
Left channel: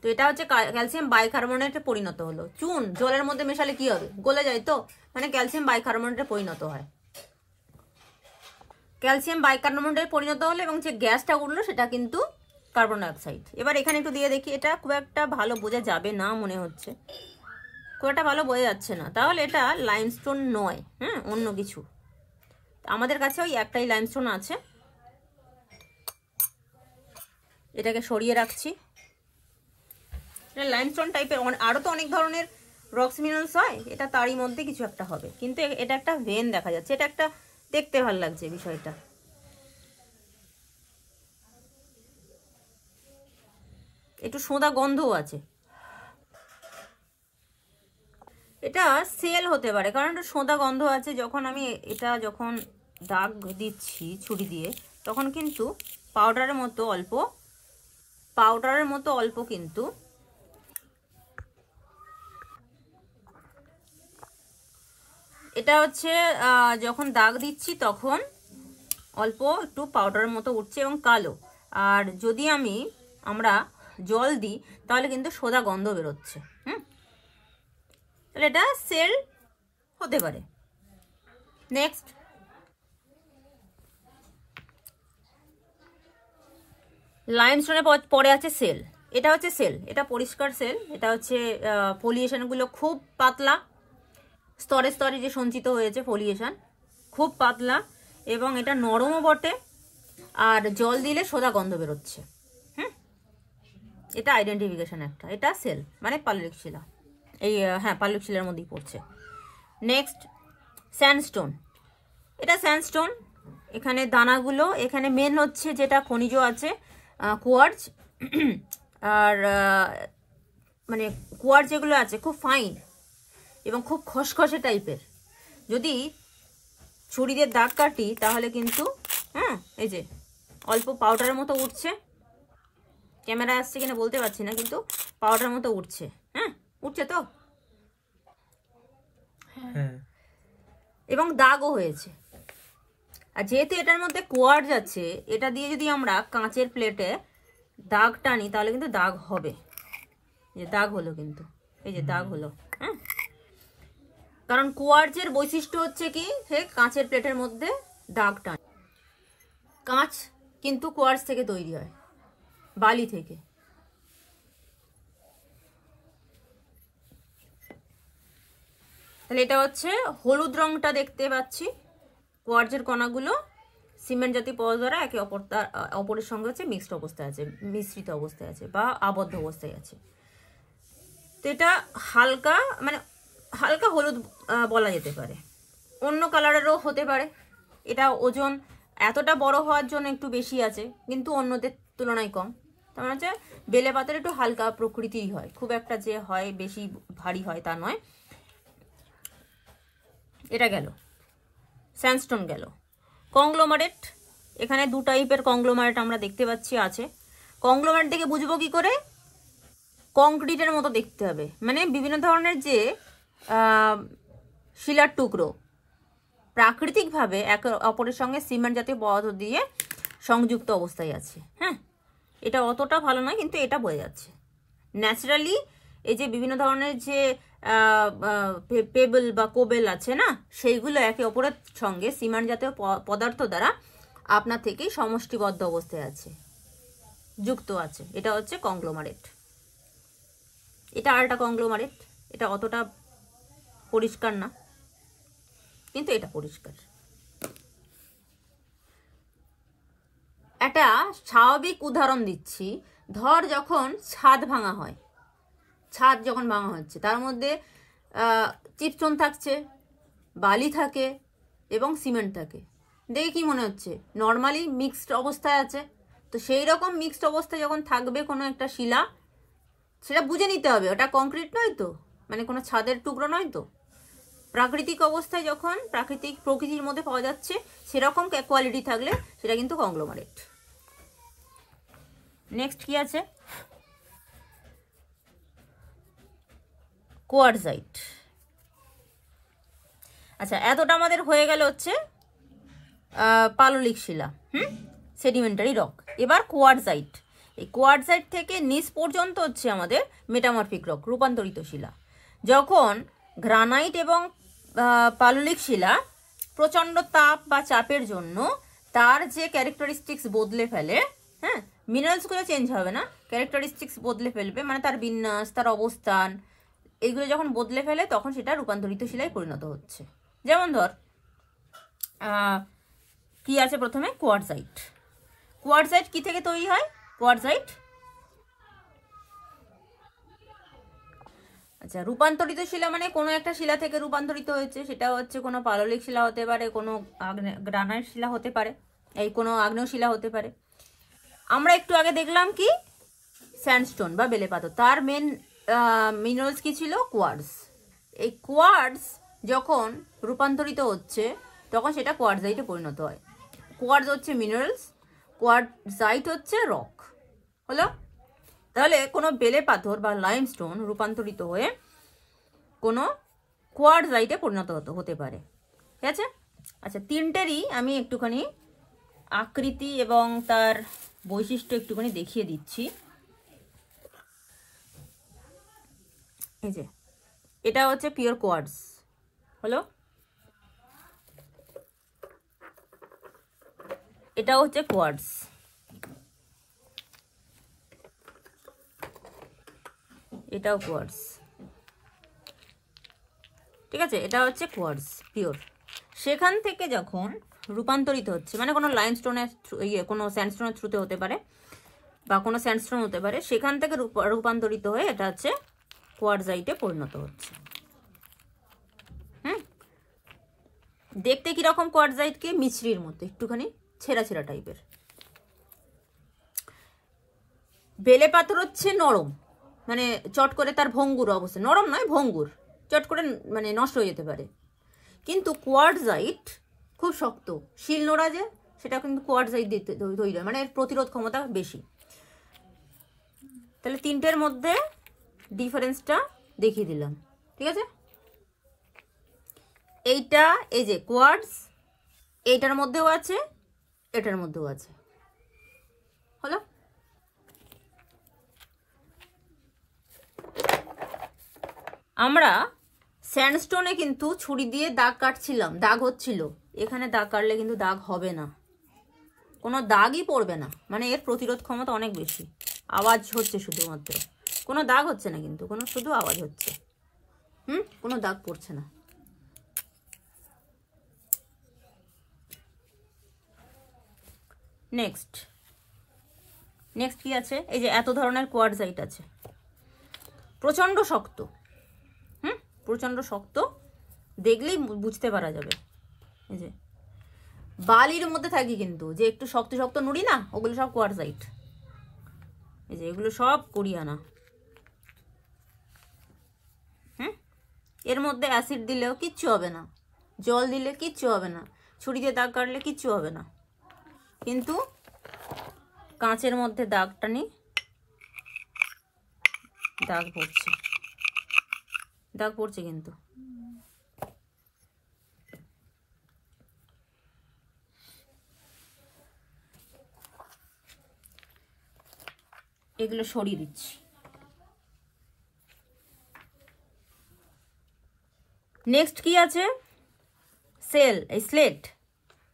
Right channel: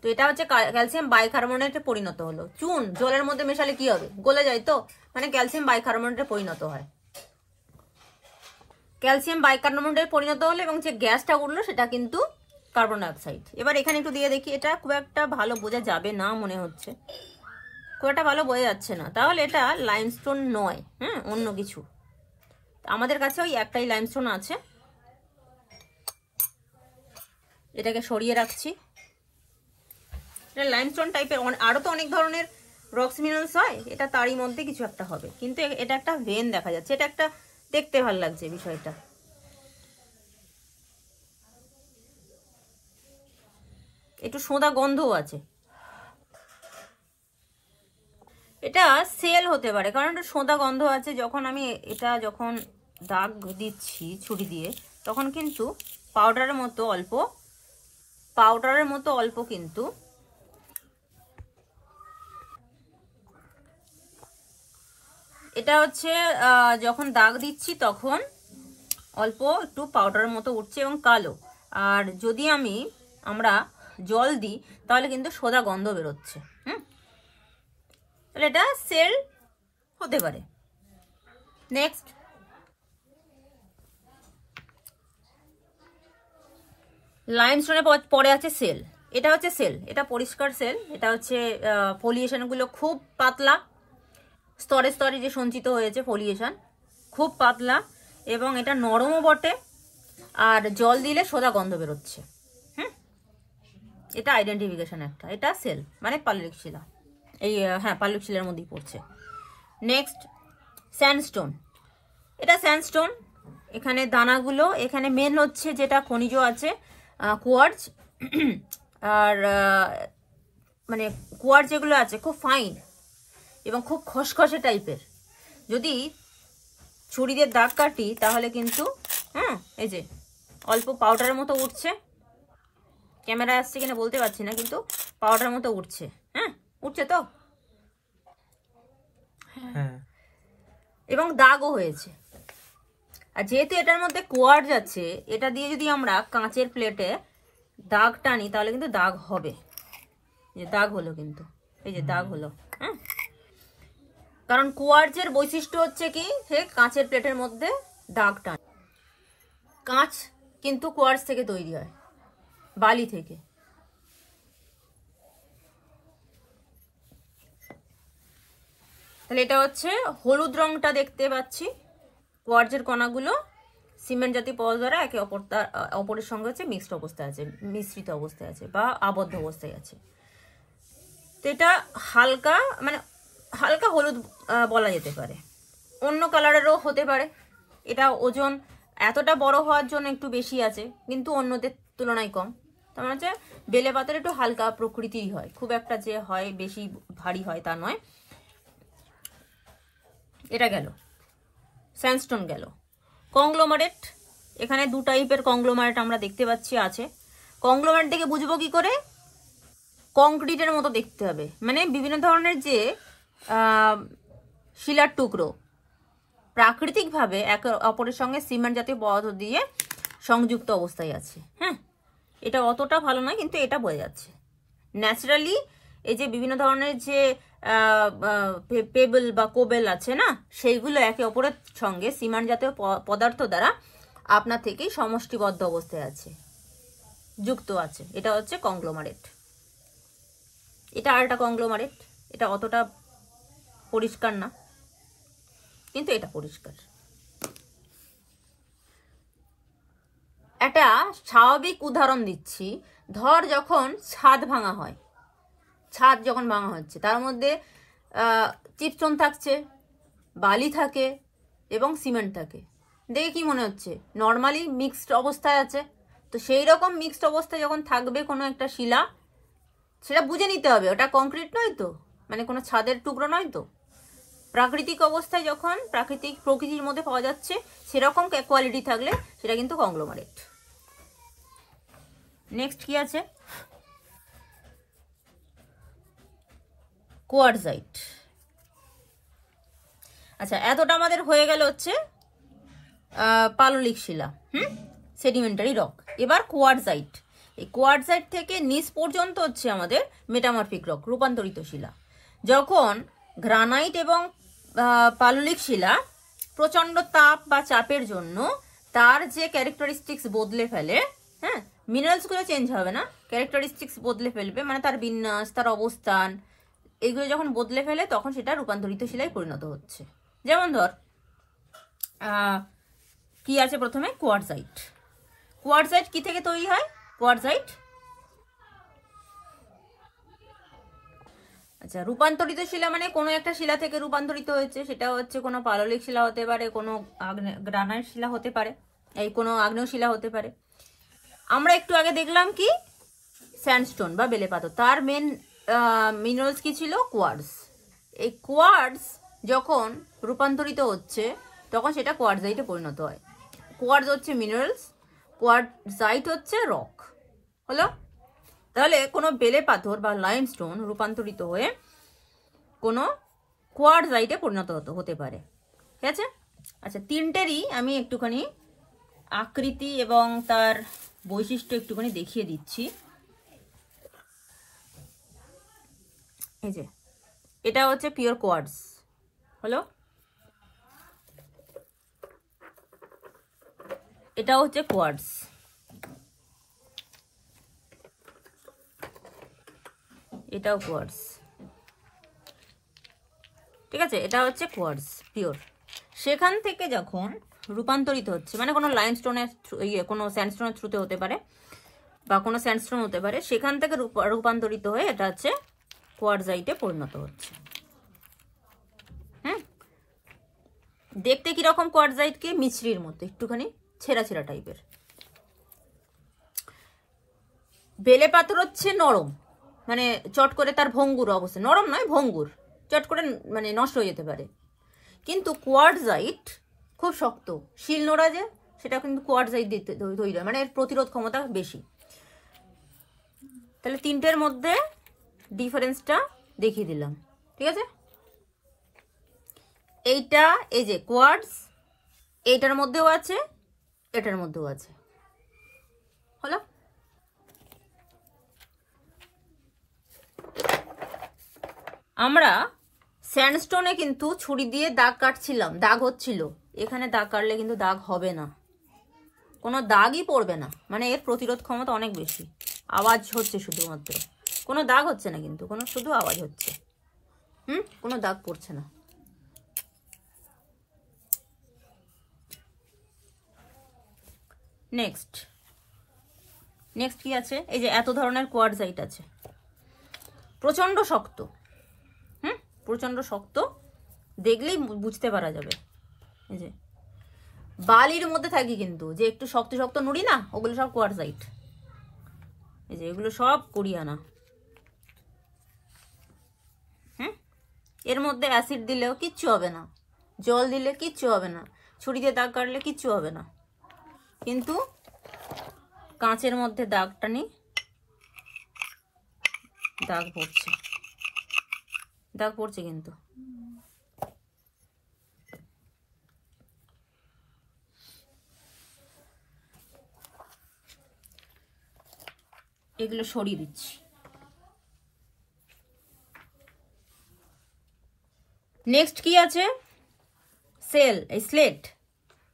তো এটা হচ্ছে ক্যালসিয়াম বাইকার্বনেটে পরিণত হলো। চুন জলের মধ্যে মেশালে কি হবে, গলে যায়, তো মানে ক্যালসিয়াম বাইকার্বনেটে পরিণত হয়। ক্যালসিয়াম বাইকার্বনেটে পরিণত হলো এবং যে গ্যাসটা উঠলো সেটা কিন্তু কার্বন ডাইঅক্সাইড। এবার এখানে একটু দিয়ে দেখি, এটা খুব একটা ভালো বোঝা যাবে না মনে হচ্ছে, খুব একটা ভালো বোঝা যাচ্ছে না, তাহলে এটা লাইমস্টোন নয়। হ্যাঁ, অন্য কিছু। আমাদের কাছে ওই একটাই লাইমস্টোন আছে, এটাকে সরিয়ে রাখছি। এটা লাইমস্টোন টাইপের, আরো তো অনেক ধরনের রক্স মিনারেলস হয়, এটা তারই মধ্যে কিছু একটা হবে, কিন্তু এটা একটা ভেন দেখা যাচ্ছে, এটা একটা দেখতে ভালো লাগছে বিষয়টা। একটু সোঁদা গন্ধও আছে, এটা সেল হতে পারে কারণ একটু সোঁদা গন্ধ আছে। যখন আমি এটা যখন দাগ দিচ্ছি ছুরি দিয়ে, তখন কিন্তু পাউডারের মতো অল্প কিন্তু এটা হচ্ছে যখন দাগ দিচ্ছি তখন অল্প একটু পাউডারের মতো উঠছে এবং কালো। আর যদি আমরা জল দিই তাহলে কিন্তু সোঁদা গন্ধ বেরোচ্ছে। তাহলে এটা সেল হতে পারে। নেক্সট, লাইমস্টোনের পরে আছে সেল। এটা হচ্ছে সেল, এটা পরিষ্কার সেল। এটা হচ্ছে ফলিয়েশনগুলো খুব পাতলা, স্তরে স্তরে যে সঞ্চিত হয়েছে ফলিয়েশন খুব পাতলা, এবং এটা নরমও বটে, আর জল দিলে সোদা গন্ধ বেরোচ্ছে। এটা আইডেন্টিফিকেশন একটা, এটা সেল মানে পাললিক শিলা। এই হ্যাঁ, পাললিক শিলার মধ্যেই পড়ছে। Next, sandstone. এটা স্যান্ডস্টোন, এখানে দানাগুলো, এখানে মেন হচ্ছে যেটা খনিজ আছে কোয়ার্টজ, আর মানে কোয়ার্টজ যেগুলো আছে খুব ফাইন এবং খুব খসখসে টাইপের। যদি ছুরি দিয়ে দাগ কাটি তাহলে কিন্তু এই যে অল্প পাউডারের মতো উঠছে, ক্যামেরা আসছে কিনা বলতে পারছি না, কিন্তু পাউডারের মতো উঠছে। উঠছে তো, এবং দাগও হয়েছে। আর যেহেতু এটার মধ্যে কোয়ার্টজ আছে, এটা দিয়ে যদি আমরা কাঁচের প্লেটে দাগ টানি তাহলে কিন্তু দাগ হবে। যে দাগ হলো, কিন্তু এই যে দাগ হলো। কারণ কোয়ার্টজের বৈশিষ্ট্য হচ্ছে কি, সে কাঁচের প্লেটের মধ্যে দাগ টান। কাঁচ কিন্তু কোয়ার্টজ থেকে তৈরি হয়, বালি থেকে। তাহলে এটা হচ্ছে হলুদ রংটা দেখতে পাচ্ছি, কোয়ার্টজের কণাগুলো সিমেন্ট জাতীয় পদার্থ দ্বারা একে অপরের সঙ্গে হচ্ছে মিক্সড অবস্থায় আছে, মিশ্রিত অবস্থায় আছে বা আবদ্ধ অবস্থায় আছে। তো এটা হালকা মানে হালকা হলুদ বলা যেতে পারে, অন্য কালারেরও হতে পারে। এটা ওজন এতটা বড় হওয়ার জন্য একটু বেশি আছে, কিন্তু অন্যদের তুলনায় কম। তার মানে হচ্ছে বেলে পাতার একটু হালকা প্রকৃতির হয়, খুব একটা যে হয় বেশি ভারী হয় তা নয়। এটা গেল, স্যান্ডস্টোন গেল। কংগ্লোমারেট, এখানে দু টাইপের কংগ্লোমারেট আমরা দেখতে পাচ্ছি আছে। কংগ্লোমারেট দেখে বুঝবো কি করে, কংক্রিটের মতো দেখতে হবে, মানে বিভিন্ন ধরনের যে শিলার টুকরো প্রাকৃতিকভাবে একে অপরের সঙ্গে সিমেন্ট জাতীয় পদার্থ দিয়ে সংযুক্ত অবস্থায় আছে। এটা অতটা ভালো নয়, কিন্তু এটা বোঝা যাচ্ছে। ন্যাচারালি এই যে বিভিন্ন ধরনের যে পেবল বা কোবেল আছে না, সেইগুলো একে অপরের সঙ্গে সিমেন্ট জাতীয় পদার্থ দ্বারা আপনার থেকেই সমষ্টিবদ্ধ অবস্থায় আছে, যুক্ত আছে। এটা হচ্ছে কংগ্লোমারেট। এটা আর একটা কংগ্লোমারেট, এটা অতটা পরিষ্কার না, কিন্তু এটা পরিষ্কার। একটা স্বাভাবিক উদাহরণ দিচ্ছি, ধর যখন ছাদ যখন ভাঙা হচ্ছে, তার মধ্যে চিপস্টোন থাকছে, বালি থাকে এবং সিমেন্ট থাকে। দেখে কি মনে হচ্ছে নর্মালি মিক্সড অবস্থায় আছে। তো সেই রকম মিক্সড অবস্থায় যখন থাকবে কোনো একটা শিলা, সেটা বুঝে নিতে হবে ওটা কংক্রিট নয় তো, মানে কোনো ছাদের টুকরো নয় তো। প্রাকৃতিক অবস্থায় যখন প্রকৃতির মধ্যে পাওয়া যাচ্ছে সেরকম কোয়ালিটি থাকলে সেটা কিন্তু কংগ্লোমারেট। নেক্সট কি আছে? কোয়ার্টজাইট। আচ্ছা, এতটা আমাদের হয়ে গেল হচ্ছে পাললিক শিলা, সেডিমেন্টারি রক। এবার কোয়ার্টজাইট। এই কোয়ার্টজাইট থেকে নিচ পর্যন্ত হচ্ছে আমাদের মেটামরফিক রক, রূপান্তরিত শিলা। যখন গ্রানাইট এবং পাললিক শিলা প্রচন্ড তাপ বা চাপের জন্য তার যে ক্যারেক্টারিস্টিক্স বদলে ফেলে, হ্যাঁ, মিনারেলসগুলো চেঞ্জ হবে না, ক্যারেক্টারিস্টিক্স বদলে ফেলবে, মানে তার বিন্যাস, তার অবস্থান, এইগুলো যখন বদলে ফেলে তখন সেটা রূপান্তরিত শিলায় পরিণত হচ্ছে। যেমন ধর কি আছে প্রথমে? কোয়ার্টজাইট। কোয়ার্টজাইট কি থেকে তৈরি হয়? কোয়ার্টজাইট, আচ্ছা, রূপান্তরিত শিলা মানে কোনো একটা শিলা থেকে রূপান্তরিত হয়েছে, সেটা হচ্ছে কোনো পাললিক শিলা হতে পারে, কোনো গ্রানাইট শিলা হতে পারে, এই কোনো আগ্নেয় শিলা হতে পারে। আমরা একটু আগে দেখলাম কি স্যান্ডস্টোন বা বেলে পাথর, তার মেন মিনারেলস কি ছিল? কোয়ার্টজ। এই কোয়ার্টজ যখন রূপান্তরিত হচ্ছে তখন সেটা কোয়ার্টজাইটে পরিণত হয়। কোয়ার্টজ হচ্ছে মিনারেলস, কোয়ার্টজাইট হচ্ছে রক। হলো? তাহলে কোনো বেলে পাথর বা লাইমস্টোন রূপান্তরিত হয়ে কোনো কোয়ার্টজাইটে পরিণত হতে পারে। ঠিক আছে? আচ্ছা, তিনটেরই আমি একটুখানি আকৃতি এবং তার বৈশিষ্ট্য একটুখানি দেখিয়ে দিচ্ছি। এই যে এটা হচ্ছে পিওর কোয়ার্টজ, হলো? এটা হচ্ছে কোয়ার্টজ, এটাও কোয়ার্টজ। ঠিক আছে, এটা হচ্ছে কোয়ার্টজ পিওর। সেখান থেকে যখন রূপান্তরিত হচ্ছে, মানে কোনো লাইমস্টোনের কোনো স্যান্ডস্টোনের থ্রুতে হতে পারে বা কোনো স্যান্ডস্টোন হতে পারে, সেখান থেকে রূপান্তরিত হয়ে এটা হচ্ছে কোয়ার্টজাইটে পরিণত হচ্ছে। দেখতে কিরকম কোয়ার্টজাইট? কি মিছরির মতো, একটুখানি ছেঁড়া ছেঁড়া টাইপের। বেলে পাথর হচ্ছে নরম, মানে চট করে তার ভঙ্গুর অবস্থা, নরম নয় ভঙ্গুর, চট করে মানে নষ্ট হয়ে যেতে পারে। কিন্তু কোয়ার্টজাইট খুব শক্ত, শিল নোড়া যে, সেটা কিন্তু কোয়ার্টজাইট দিতে তৈরি হয়, মানে এর প্রতিরোধ ক্ষমতা বেশি। তাহলে তিনটের মধ্যে ডিফারেন্সটা দেখিয়ে দিলাম। ঠিক আছে, এইটা এই যে কোয়ার্টজ, এইটার মধ্যেও আছে, এটার মধ্যেও আছে। হলো? আমরা স্যান্ডস্টোনে কিন্তু ছুরি দিয়ে দাগ কাটছিলাম, দাগ হচ্ছিল। এখানে দাগ কাটলে কিন্তু দাগ হবে না, কোনো দাগই পড়বে না, মানে এর প্রতিরোধ ক্ষমতা অনেক বেশি। আওয়াজ হচ্ছে শুধুমাত্র, কোনো দাগ হচ্ছে না, কিন্তু কোনো শুধু আওয়াজ হচ্ছে, কোনো দাগ পড়ছে না। নেক্সট কি আছে? এই যে এত ধরনের কোয়ার্টজাইট আছে, প্রচন্ড শক্ত, প্রচন্ড শক্ত, দেখলেই বুঝতে পারা যাবে। এই যে বালির মধ্যে থাকি কিন্তু, যে একটু শক্ত শক্ত নুড়ি না, ওগুলো সব কোয়ার্টজাইট। এই যে এগুলো সব কোরিয়ানা। এর মধ্যে অ্যাসিড দিলেও কিচ্ছু হবে না, জল দিলে কিচ্ছু হবে না, ছুরি দিয়ে দাগ কাটলে কিচ্ছু হবে না। কিন্তু কাঁচের মধ্যে দাগটা নি, দাগ পড়ছে, দাগ পড়ছে কিন্তু। এগুলো সরিয়ে দিচ্ছি। নেক্সট কি আছে? সেল, এই স্লেট,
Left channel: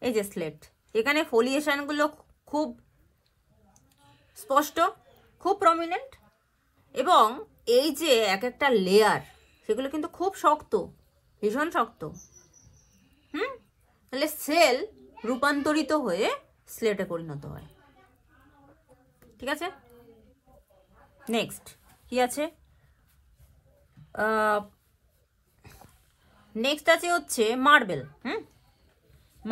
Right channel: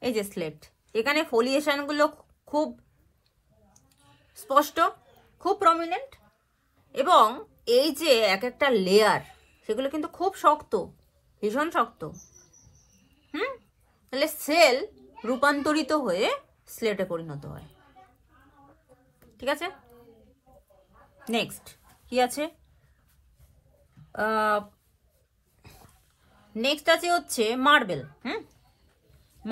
এই যে স্লেট, এখানে ফলিয়েশনগুলো খুব স্পষ্ট, খুব প্রমিনেন্ট, এবং এই যে এক একটা লেয়ার, সেগুলো কিন্তু খুব শক্ত, ভীষণ শক্ত। তাহলে সেল রূপান্তরিত হয়ে স্লেটে পরিণত হয়। ঠিক আছে, নেক্সট কি আছে? নেক্সট আছে হচ্ছে মার্বেল।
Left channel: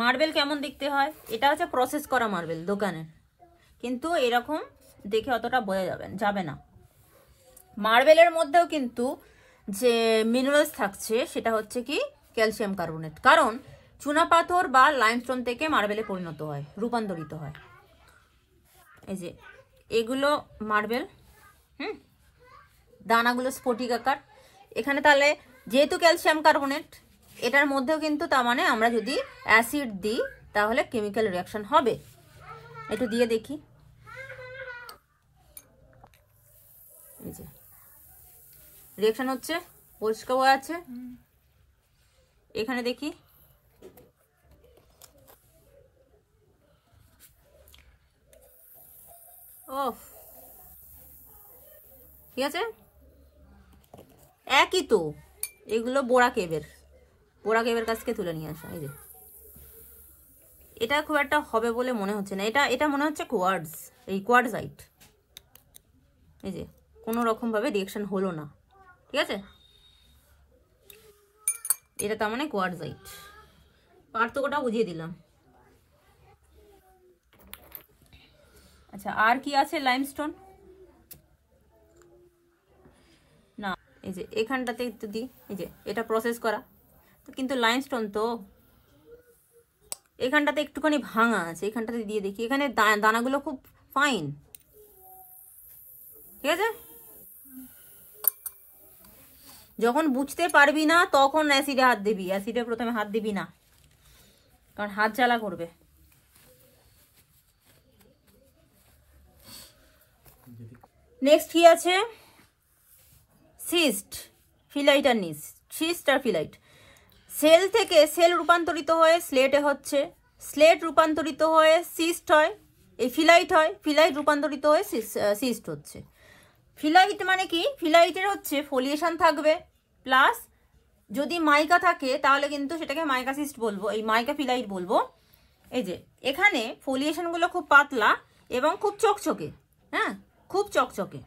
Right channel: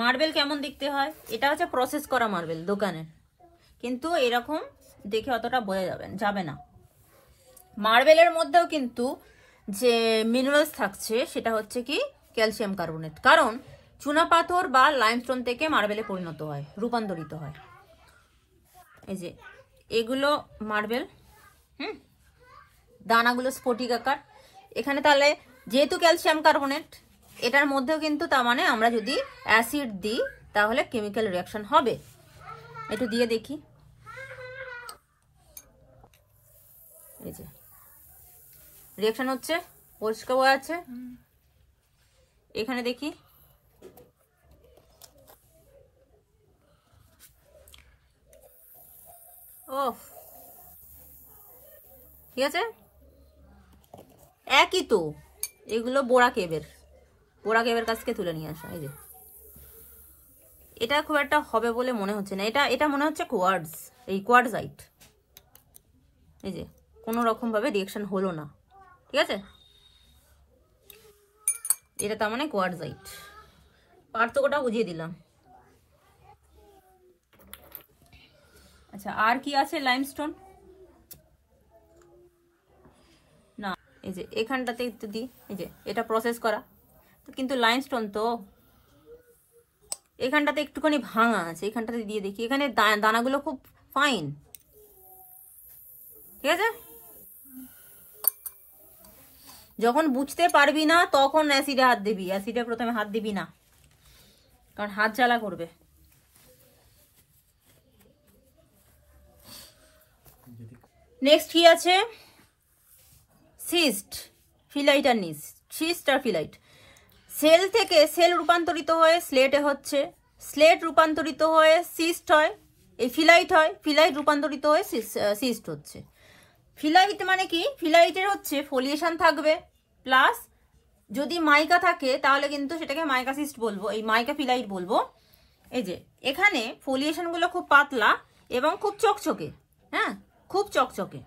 মার্বেল কেমন দেখতে হয়, এটা হচ্ছে প্রসেস করা মার্বেল দোকানে, কিন্তু এরকম দেখে অতটা বোঝা যাবে না। মার্বেলের মধ্যেও কিন্তু যে মিনারেলস থাকছে সেটা হচ্ছে কি ক্যালসিয়াম কার্বনেট, কারণ চুনাপাথর বা লাইমস্টোন থেকে মার্বেলে পরিণত হয়, রূপান্তরিত হয়। এই যে এগুলো মার্বেল, দানাগুলো স্ফটিক আকার। এখানে তাহলে যেহেতু ক্যালসিয়াম কার্বনেট, এটার মধ্যেও কিন্তু তার মানে আমরা যদি অ্যাসিড দিই তাহলে কেমিক্যাল রিয়াকশন হবে। একটু দিয়ে দেখি, এই যে রিয়াকশন হচ্ছে, পরিষ্কার হয়ে আছে। এখানে দেখি, ও ঠিক আছে, একই তো। এগুলো বোরা কেবের কাছ থেকে তুলে নিয়ে আসা। এই যে এটা খুব একটা হবে বলে মনে হচ্ছে না, এটা মনে হচ্ছে কোয়ার্টজ, এই কোয়ার্টজাইট। এই যে কোনো রকম ভাবে রিঅ্যাকশন হলো না, ঠিক আছে, এটা তার মানে কোয়ার্টজাইট। পার্থক্যটা বুঝিয়ে দিলাম। আচ্ছা, আর কি আছে? লাইমস্টোন না, এই যে এখানটাতে একটু দিই, এই যে এটা প্রসেস করা, কিন্তু লাইমস্টোন তো এখানটাতে একটুখানি ভাঙা আছে, এখানটাতে দিয়ে দেখি। এখানে দানাগুলো খুব ফাইন, ঠিক আছে। যখন বুঝতে পারবি না তখন অ্যাসিডে হাত দিবি, অ্যাসিডে প্রথমে হাত দিবি না, কারণ হাত জ্বালা করবে। নেক্সট কি আছে? সিস্ট, ফিলাইট আর নিস। সিস্ট আর ফিলাইট, সেল থেকে সেল রূপান্তরিত হয়ে স্লেটে হচ্ছে, স্লেট রূপান্তরিত হয়ে সিস্ট হয়, এই ফিলাইট হয়, ফিলাইট রূপান্তরিত হয়ে সিস্ট হচ্ছে। ফিলাইট মানে কি? ফিলাইটের হচ্ছে ফলিয়েশন থাকবে, প্লাস যদি মাইকা থাকে তাহলে কিন্তু সেটাকে মাইকা সিস্ট বলবো, এই মাইকা ফিলাইট বলবো। এই যে এখানে ফলিয়েশনগুলো খুব পাতলা এবং খুব চকচকে, হ্যাঁ খুব চকচকে।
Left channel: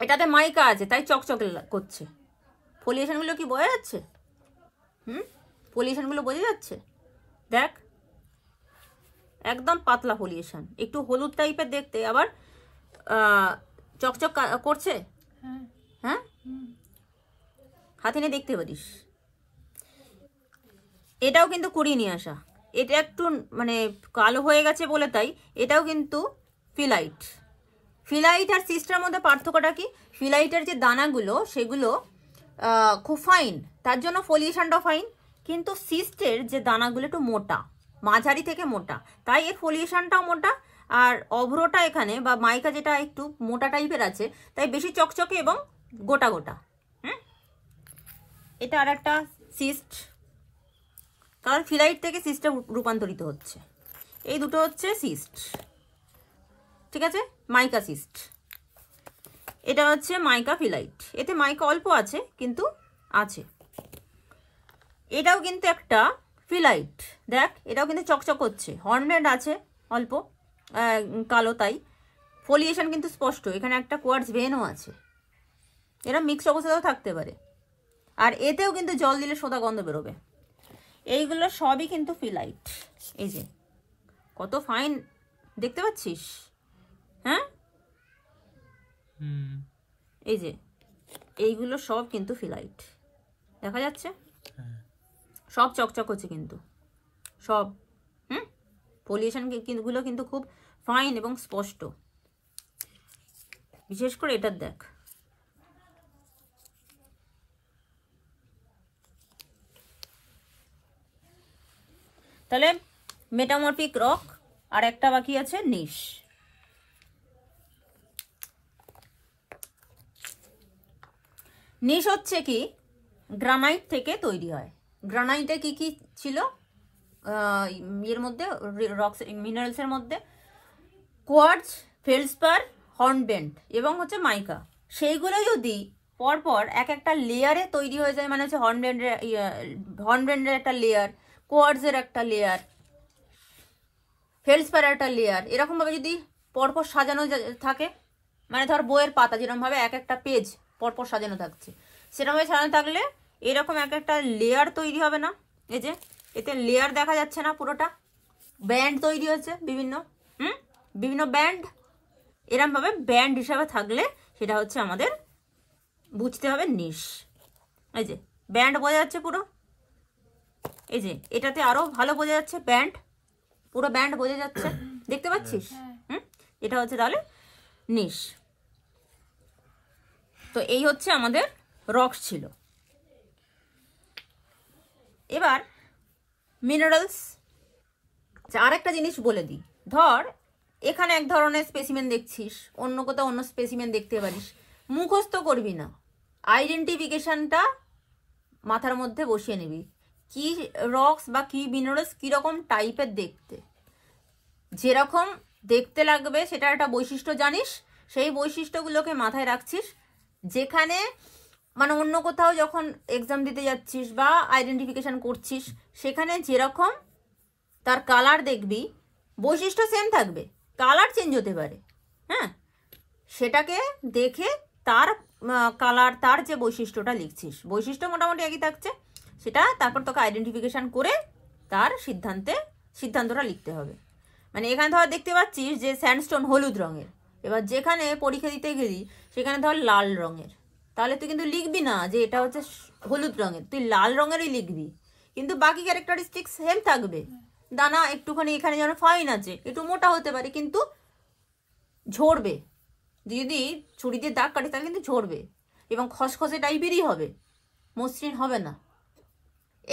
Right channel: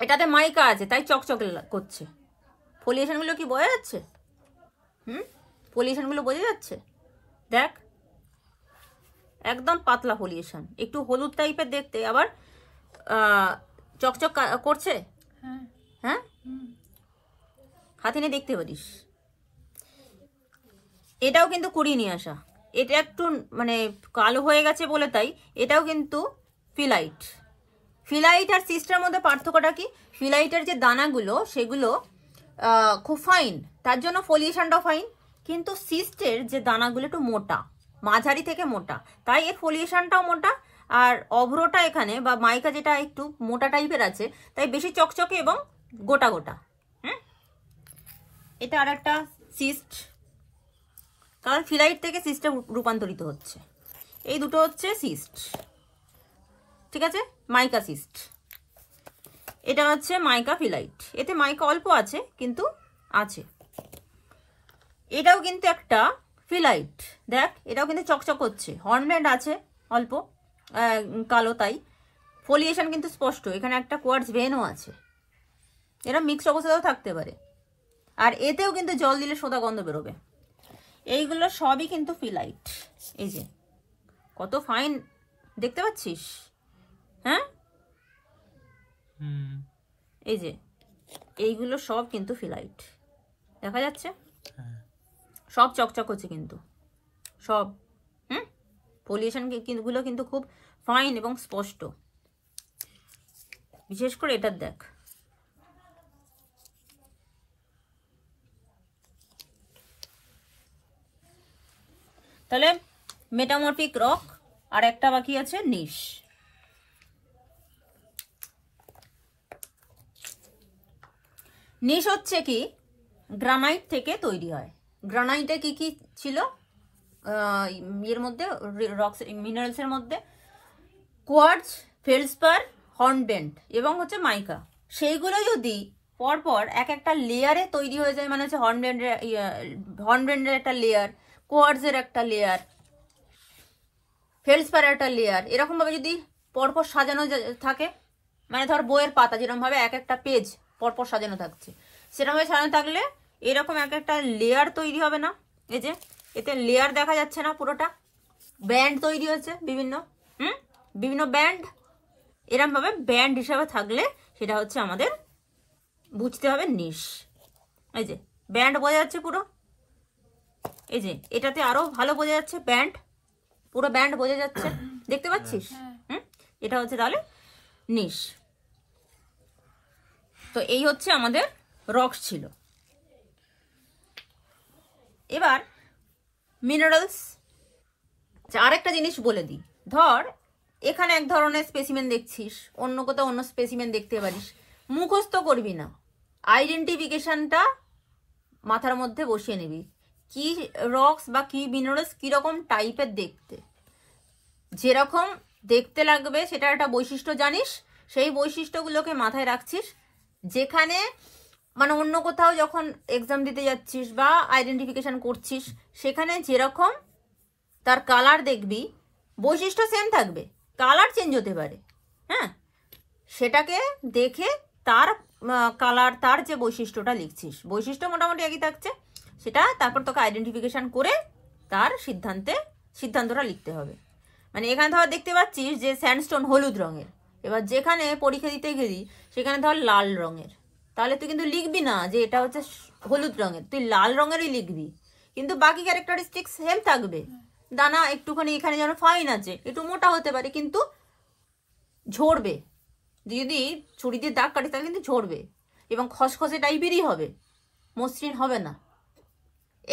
এটাতে মাইকা আছে তাই চকচকে করছে। ফলিয়েশনগুলো কি বোঝা যাচ্ছে? ফলিয়েশনগুলো বোঝা যাচ্ছে, দেখ একদম পাতলা ফলিয়েশন, একটু হলুদ টাইপের দেখতে, আবার চকচক করছে। হ্যাঁ, হাতে নিয়ে দেখতে পারিস। এটাও কিন্তু কুড়িয়ে নিয়ে আসা, এটা একটু মানে কালো হয়ে গেছে বলে তাই, এটাও কিন্তু ফিলাইট। ফিলাইট আর সিস্টের মধ্যে পার্থক্যটা কি? ফিলাইটের যে দানাগুলো সেগুলো খুব ফাইন, তার জন্য ফলিয়েশনটাও ফাইন, কিন্তু সিস্টের যে দানাগুলো একটু মোটা, মাঝারি থেকে মোটা, তাই এর ফলিয়েশনটাও মোটা, আর অভ্রটা এখানে বা মাইকা যেটা একটু মোটা টাইপের আছে তাই বেশি চকচকে এবং গোটা গোটা। হ্যাঁ, এটা আর একটা সিস্ট, কারণ ফিলাইট থেকে সিস্টে রূপান্তরিত হচ্ছে। এই দুটো হচ্ছে সিস্ট, ঠিক আছে, মাইকা সিস্ট। এটা হচ্ছে মাইকা ফিলাইট, এতে মাইকা অল্প আছে কিন্তু আছে। এটাও কিন্তু একটা ফিলাইট, দেখ এটাও কিন্তু চকচক করছে, হর্নব্যান্ড আছে অল্প কালো, তাই ফলিয়েশন কিন্তু স্পষ্ট। এখানে একটা কোয়ার্টজ ভেনও আছে, এরা মিক্স অবস্থাতেও থাকতে পারে, আর এতেও কিন্তু জল দিলে সোদা গন্ধ বেরোবে। এইগুলো সবই কিন্তু ফিলাইট। এই যে কত ফাইন দেখতে পাচ্ছিস? হ্যাঁ, এই যে এইগুলো সব কিন্তু ফিলাইট, দেখা যাচ্ছে সব চকচক হচ্ছে কিন্তু সব। পলিউশন গুলো কিন্তু খুব ফাইন এবং স্পষ্ট, বিশেষ করে এটার দেখ। তাহলে মেটামরফিক রক, আর একটা বাকি আছে নিশ। নিশ হচ্ছে কি গ্রানাইট থেকে তৈরি হয়। গ্রানাইটে কি কি ছিল এর মধ্যে, রক্স মিনারেলস এর মধ্যে? কোয়ার্টজ, ফেলসপার, হর্নব্যান্ড এবং হচ্ছে মাইকা। সেইগুলো যদি পরপর এক একটা লেয়ারে তৈরি হয়ে যায়, মানে হচ্ছে হর্নব্যান্ডের একটা লেয়ার, কোয়ার্টজের একটা লেয়ার, ফেলসপারের একটা লেয়ার, এরকম ভাবে যদি পরপর সাজানো থাকে, মানে ধর বইয়ের পাতা যেরকম ভাবে এক একটা পেজ পরপর সাজানো থাকছে, সেরকম ভাবে সাজানো থাকলে এরকম একটা লেয়ার তৈরি হবে না, এই যে এতে লেয়ার দেখা যাচ্ছে না, পুরোটা ব্যান্ড তৈরি হচ্ছে বিভিন্ন বিভিন্ন ব্যান্ড। এরকম ভাবে ব্যান্ড হিসাবে থাকলে সেটা হচ্ছে আমাদের বুঝতে হবে নিশ। এই যে ব্যান্ড বোঝা যাচ্ছে পুরো, এই যে এটাতে আরো ভালো বোঝা যাচ্ছে ব্যান্ড, পুরো ব্যান্ড বোঝা যাচ্ছে, দেখতে পাচ্ছিস? এটা হচ্ছে তাহলে নিশ। তো এই হচ্ছে আমাদের রক্স ছিল। এবার মিনারেলস। আরেকটা জিনিস বলে দিই, ধর এখানে এক ধরনের স্পেসিমেন দেখছিস, অন্য কোথাও অন্য স্পেসিমেন দেখতে পারিস, মুখস্থ করবি না, আইডেন্টিফিকেশনটা মাথার মধ্যে বসিয়ে নিবি, কি রক্স বা কি মিনারেলস কিরকম টাইপের দেখতে, যেরকম দেখতে লাগবে সেটার একটা বৈশিষ্ট্য জানিস, সেই বৈশিষ্ট্যগুলোকে মাথায় রাখছিস। যেখানে মানে অন্য কোথাও যখন এক্সাম দিতে যাচ্ছিস বা আইডেন্টিফিকেশন করছিস, সেখানে যেরকম তার কালার দেখবি, বৈশিষ্ট্য সেম থাকবে, কালার চেঞ্জ হতে পারে, হ্যাঁ, সেটাকে দেখে তার কালার, তার যে বৈশিষ্ট্যটা লিখছিস, বৈশিষ্ট্য মোটামুটি একই থাকছে, সেটা তারপর তোকে আইডেন্টিফিকেশন করে তার সিদ্ধান্তটা লিখতে হবে। মানে এখানে ধর দেখতে পাচ্ছিস যে স্যান্ডস্টোন হলুদ রঙের, এবার যেখানে পরীক্ষা দিতে গেলি সেখানে ধর লাল রঙের, তাহলে তুই কিন্তু লিখবি না যে এটা হচ্ছে হলুদ রঙের, তুই লাল রঙেরই লিখবি, কিন্তু বাকি ক্যারেক্টারিস্টিক সেম থাকবে। দানা একটুখানি এখানে যেন ফাইন আছে, একটু মোটা হতে পারে, কিন্তু ঝরবে, যদি ছুরি দিয়ে দাগ কাটিস তাহলে কিন্তু ঝরবে এবং খসখসে টাইপেরই হবে, মসৃণ হবে না।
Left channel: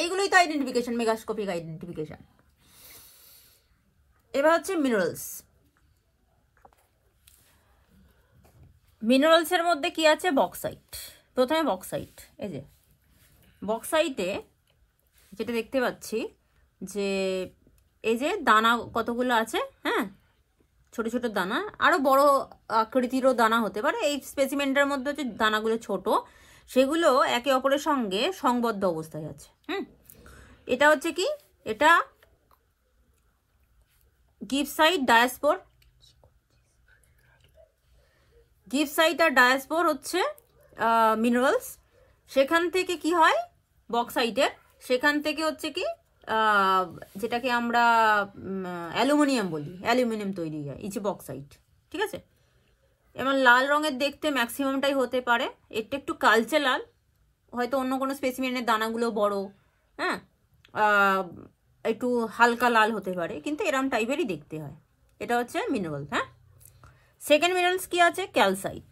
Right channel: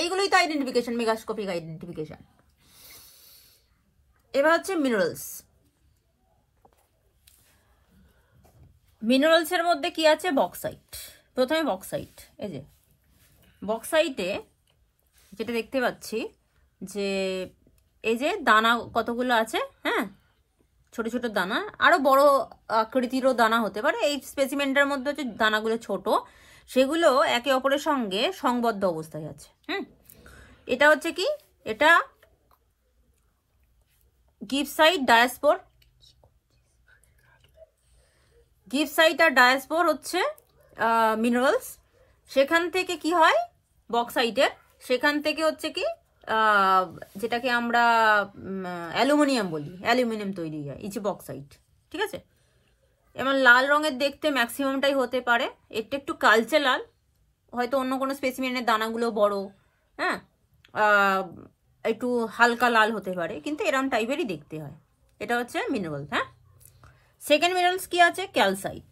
এইগুলোই তো আইডেন্টিফিকেশন, মেগাস্কোপিক আইডেন্টিফিকেশন। এবার হচ্ছে মিনারেলস। মিনারেলসের মধ্যে কি আছে? বক্সাইট। প্রথমে বক্সাইট, এই যে বক্সাইটে যেটা দেখতে পাচ্ছি যে এই যে দানা কতগুলো আছে, হ্যাঁ, ছোট ছোট দানা, আরো বড় আকৃতিরও দানা হতে পারে, এই স্পেসিমেন্টের মধ্যে হচ্ছে দানাগুলো ছোট, সেগুলো একে অপরের সঙ্গে সংবদ্ধ অবস্থায় আছে। এটা হচ্ছে কি, এটা গিবসাইট ডায়াস্পোর। গিবসাইট আর ডায়াস্পোর হচ্ছে মিনারেলস। সেখান থেকে কি হয় বক্সাইটের, সেখান থেকে হচ্ছে কি যেটাকে আমরা অ্যালুমিনিয়াম বলি, অ্যালুমিনিয়াম তৈরি হয়, এই যে বক্সাইট, ঠিক আছে। এবং লাল রঙের দেখতে ম্যাক্সিমামটাই হতে পারে, একটু একটু কালচে লাল, হয়তো অন্য কোনো স্পেসিমেনের দানাগুলো বড়, হ্যাঁ, একটু হালকা লাল হতে পারে, কিন্তু এরম টাইপেরই দেখতে হয়। এটা হচ্ছে মিনারেলস। হ্যাঁ, সেকেন্ড মিনারেলস কি আছে? ক্যালসাইট।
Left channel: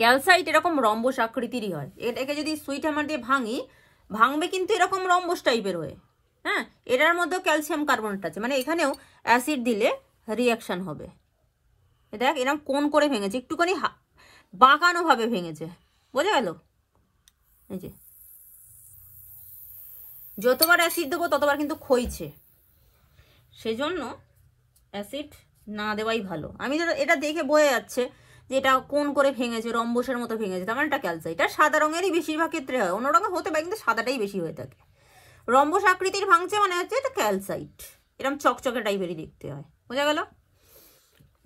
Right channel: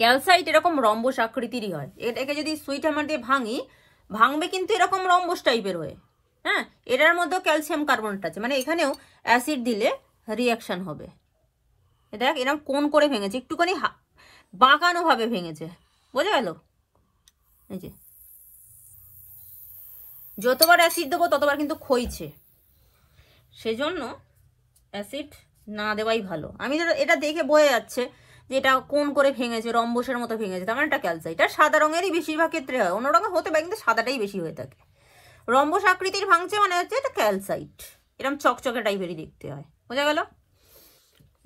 ক্যালসাইট এরকম রম্বস আকৃতিরই হয়, এটাকে যদি সুইট হ্যামার দিয়ে ভাঙবে কিন্তু এরকম রম্বস টাইপের হয়ে, হ্যাঁ, এটার মধ্যেও ক্যালসিয়াম কার্বনেট আছে, মানে এখানেও অ্যাসিড দিলে রিয়াকশন হবে। দেখ এরকম কোন করে ভেঙেছে, একটুখানি বাঁকানো ভাবে ভেঙেছে, বোঝা গেল? এই যে যতবার অ্যাসিড দেবো ততবার কিন্তু ক্ষয়ছে, সেজন্য অ্যাসিড না দেওয়াই ভালো। আমি এটা দেখে বোঝা যাচ্ছে যে এটা কোন করে ভেঙেছে, রম্বসের মতো ভেঙেছে, তার মানে এটা ক্যালসাইট। আর সাদা রঙেরই বেশিরভাগ ক্ষেত্রে হয়, অন্য রঙের হতে পারে কিন্তু সাদাটাই বেশি হয়ে থাকে। রম্বস আকৃতির ভাঙছে মানে হচ্ছে এটা ক্যালসাইট, এরকম চকচকে টাইপেরই দেখতে হয়, বোঝা গেল?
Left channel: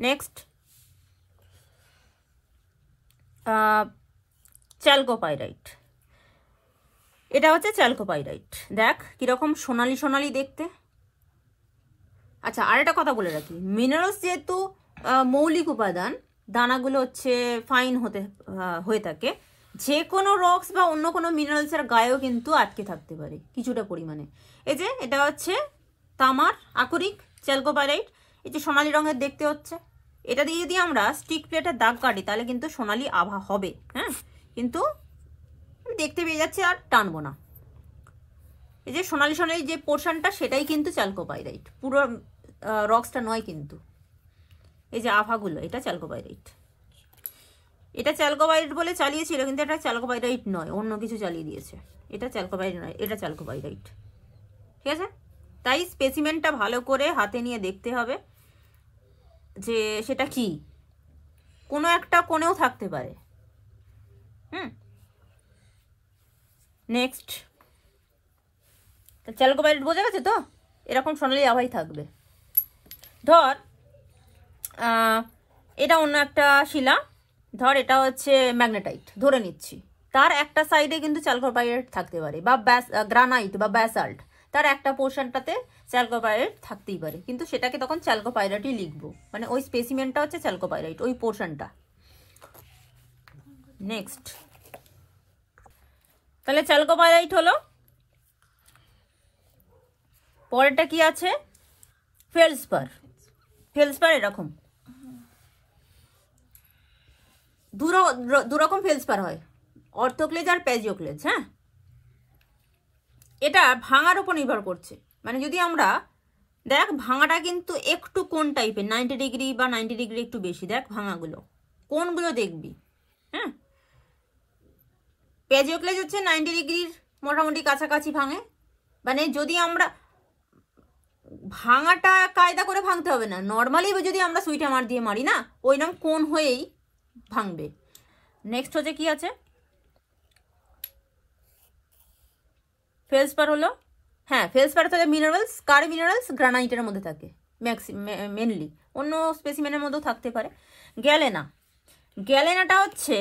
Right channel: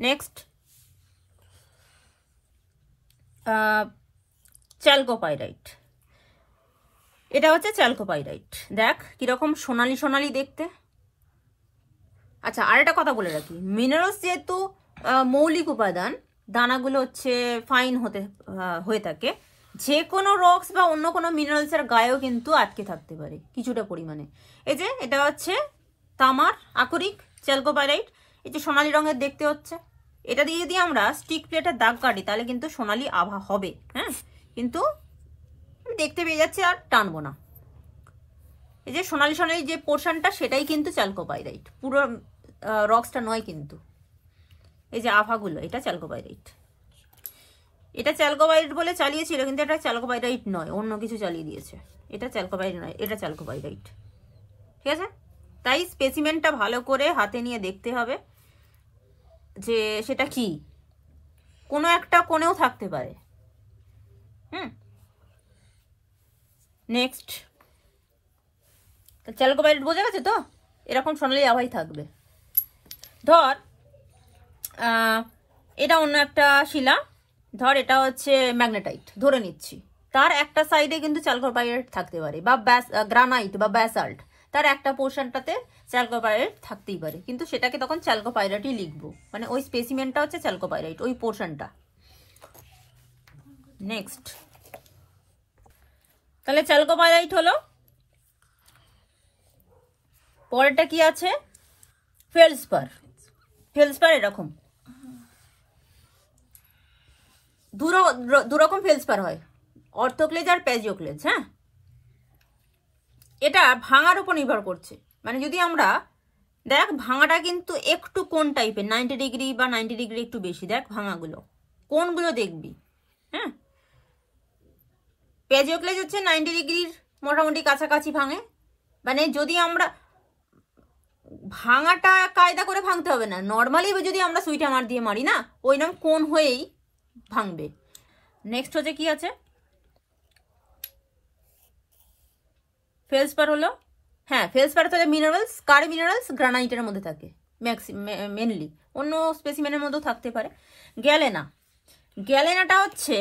নেক্সট চ্যালকোপাইরাইট। এটা হচ্ছে চ্যালকোপাইরাইট, দেখ কিরকম সোনালি সোনালি দেখতে। আচ্ছা, আর একটা কথা বলে রাখি, মিনারেলস যেহেতু মৌলিক উপাদান, দানাগুলো হচ্ছে ফাইন হয়ে থাকে, যে কোনো রক্স বা অন্য কোনো মিনারেলসের গায়েও কিন্তু আটকে থাকতে পারে কিছুটা পরিমাণে। এই যে এটা হচ্ছে তামার আকরিক চ্যালকোপাইরাইট, এই যে সোনালি রঙের দেখতে হচ্ছে, এটা দিয়ে যদি আমরা স্টিক প্লেটের দাগ কাটি তাহলে কিন্তু সোনালি আভা হবে, হ্যাঁ, কিন্তু দেখতে পেয়ে যাচ্ছে আর টানবো না। এই যে সোনালি সোনালি যে পোর্শনটা সেটাই কিন্তু চ্যালকোপাইরাইট, পুরো রক্সটা নয় কিন্তু, এই যে আভাগুলো এটা চ্যালকোপাইরাইট। এটা চ্যালকোপাইরাইট বলে চালিয়েছিল, কিন্তু এটা চ্যালকোপাইরাইট নয়, অন্য কিছু চালিয়ে দিয়েছে, এটা চ্যালকোপাইরাইট নয়, এটা চ্যালকোপাইরাইট, ঠিক আছে। তাই স্পেসিমেনটা ভালো করে হাতে নিয়ে দেখতে হবে যে সেটা কি, কোনো একটা কোণেও থাকতে পারে। নেক্সট চ্যালকোপাইরাইট বোঝা গেছে তো, এরকম সোনালি আভাই থাকবে। ধর এটা অন্য একটা শিলা, ধর এটা হচ্ছে ম্যাগনেটাইট ধরে নিচ্ছি, তার একটা সাইডে কিন্তু চ্যালকোপাইরেট থাকতে পারে, বা গ্রানাইট বা ব্যাসাল্ট, তার একটা পোর্শনটাতে চ্যালকোপাইরেট থাকতেই পারে, কিন্তু সেটাকে তখন চ্যালকোপাইরেটই লিখবো, মানে ওই স্পেসিমেনটা হচ্ছে চ্যালকোপাইরেট, ওই পোর্শনটা। নেক্সট, তাহলে চ্যালকোপাইরাইট হলো। পরেরটা কি আছে? ফেলসপার। ফেলসপার এরকম দুরকম ফেলসপার হয়, অর্থোক্লেজ আর প্যাজিওক্লেজ। হ্যাঁ, এটা ভাঙার উপর নির্ভর করছে। মানে যদি আমরা দেখ, ভাঙাটা কিন্তু একটু কোন টাইপের, 90 ডিগ্রি বা 90 ডিগ্রি একটু বেশি। দেখ ভাঙাগুলো কোনগুলো দেখবি। হ্যাঁ, প্যাজিওক্লেজ হচ্ছে 90 ডিগ্রির মোটামুটি কাছাকাছি ভাঙে। মানে যদি আমরা ভাঙাটা কায়দা করে ভাঙতে হবে না, নর্মালি যদি আমরা সুইটা মার দিয়ে মারি না, ওই নাম কোন হয়েই ভাঙবে। নেক্সট হচ্ছে কি আছে? ফেলসপার হলো, হ্যাঁ ফেলসপার তাহলে মিনারেলস, কার মিনারেলস গ্রানাইটের মধ্যে থাকে মেনলি, অন্য স্পেসিমেনের মধ্যেও থাকতে পারে। গ্যালেনা, গ্যালেনাটা হচ্ছে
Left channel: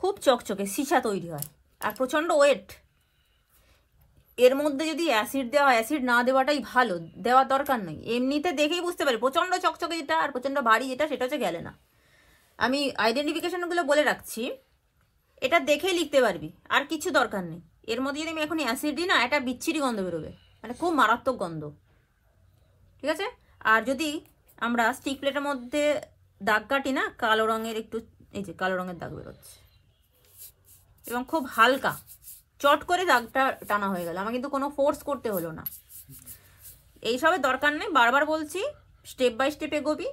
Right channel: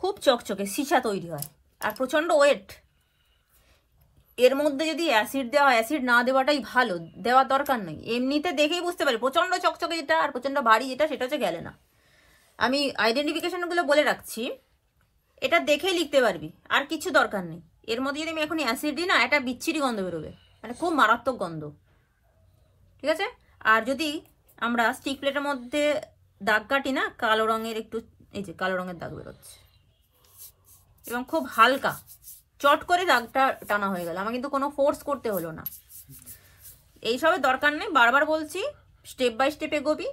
খুব চকচকে, সীসা তৈরি হয় আর প্রচণ্ড ওয়েট। এর মধ্যে যদি অ্যাসিড দেওয়া হয়, অ্যাসিড না দেওয়াটাই ভালো, দেওয়ার দরকার নেই। এমনিতে দেখেই বুঝতে পারি প্রচণ্ড চকচকে যেটা আর প্রচণ্ড ভারী যেটা, সেটা হচ্ছে গ্যালেনা। আমি আইডেন্টিফিকেশনগুলো বলে রাখছি, এটা দেখেই লিখতে পারবি, আর কিছু দরকার নেই। এর মধ্যে যদি আমি এখন অ্যাসিড দিই না, একটা বিচ্ছিরি গন্ধ বেরোবে, মানে খুব মারাত্মক গন্ধ। ঠিক আছে? আর যদি আমরা স্টিক প্লেটের মধ্যে দাগ কাটি না, কালো রঙের একটু, এই যে কালো রঙের দাগ বেরোচ্ছে, এবং খুব হালকা, চট করে দাগটা টানা হয়ে গেল, আমার কিন্তু কোনো ফোর্স করতে হলো না। এইসবের দরকার নেই, বারবার বলছি, স্টেপ বাই স্টেপ এগোবি,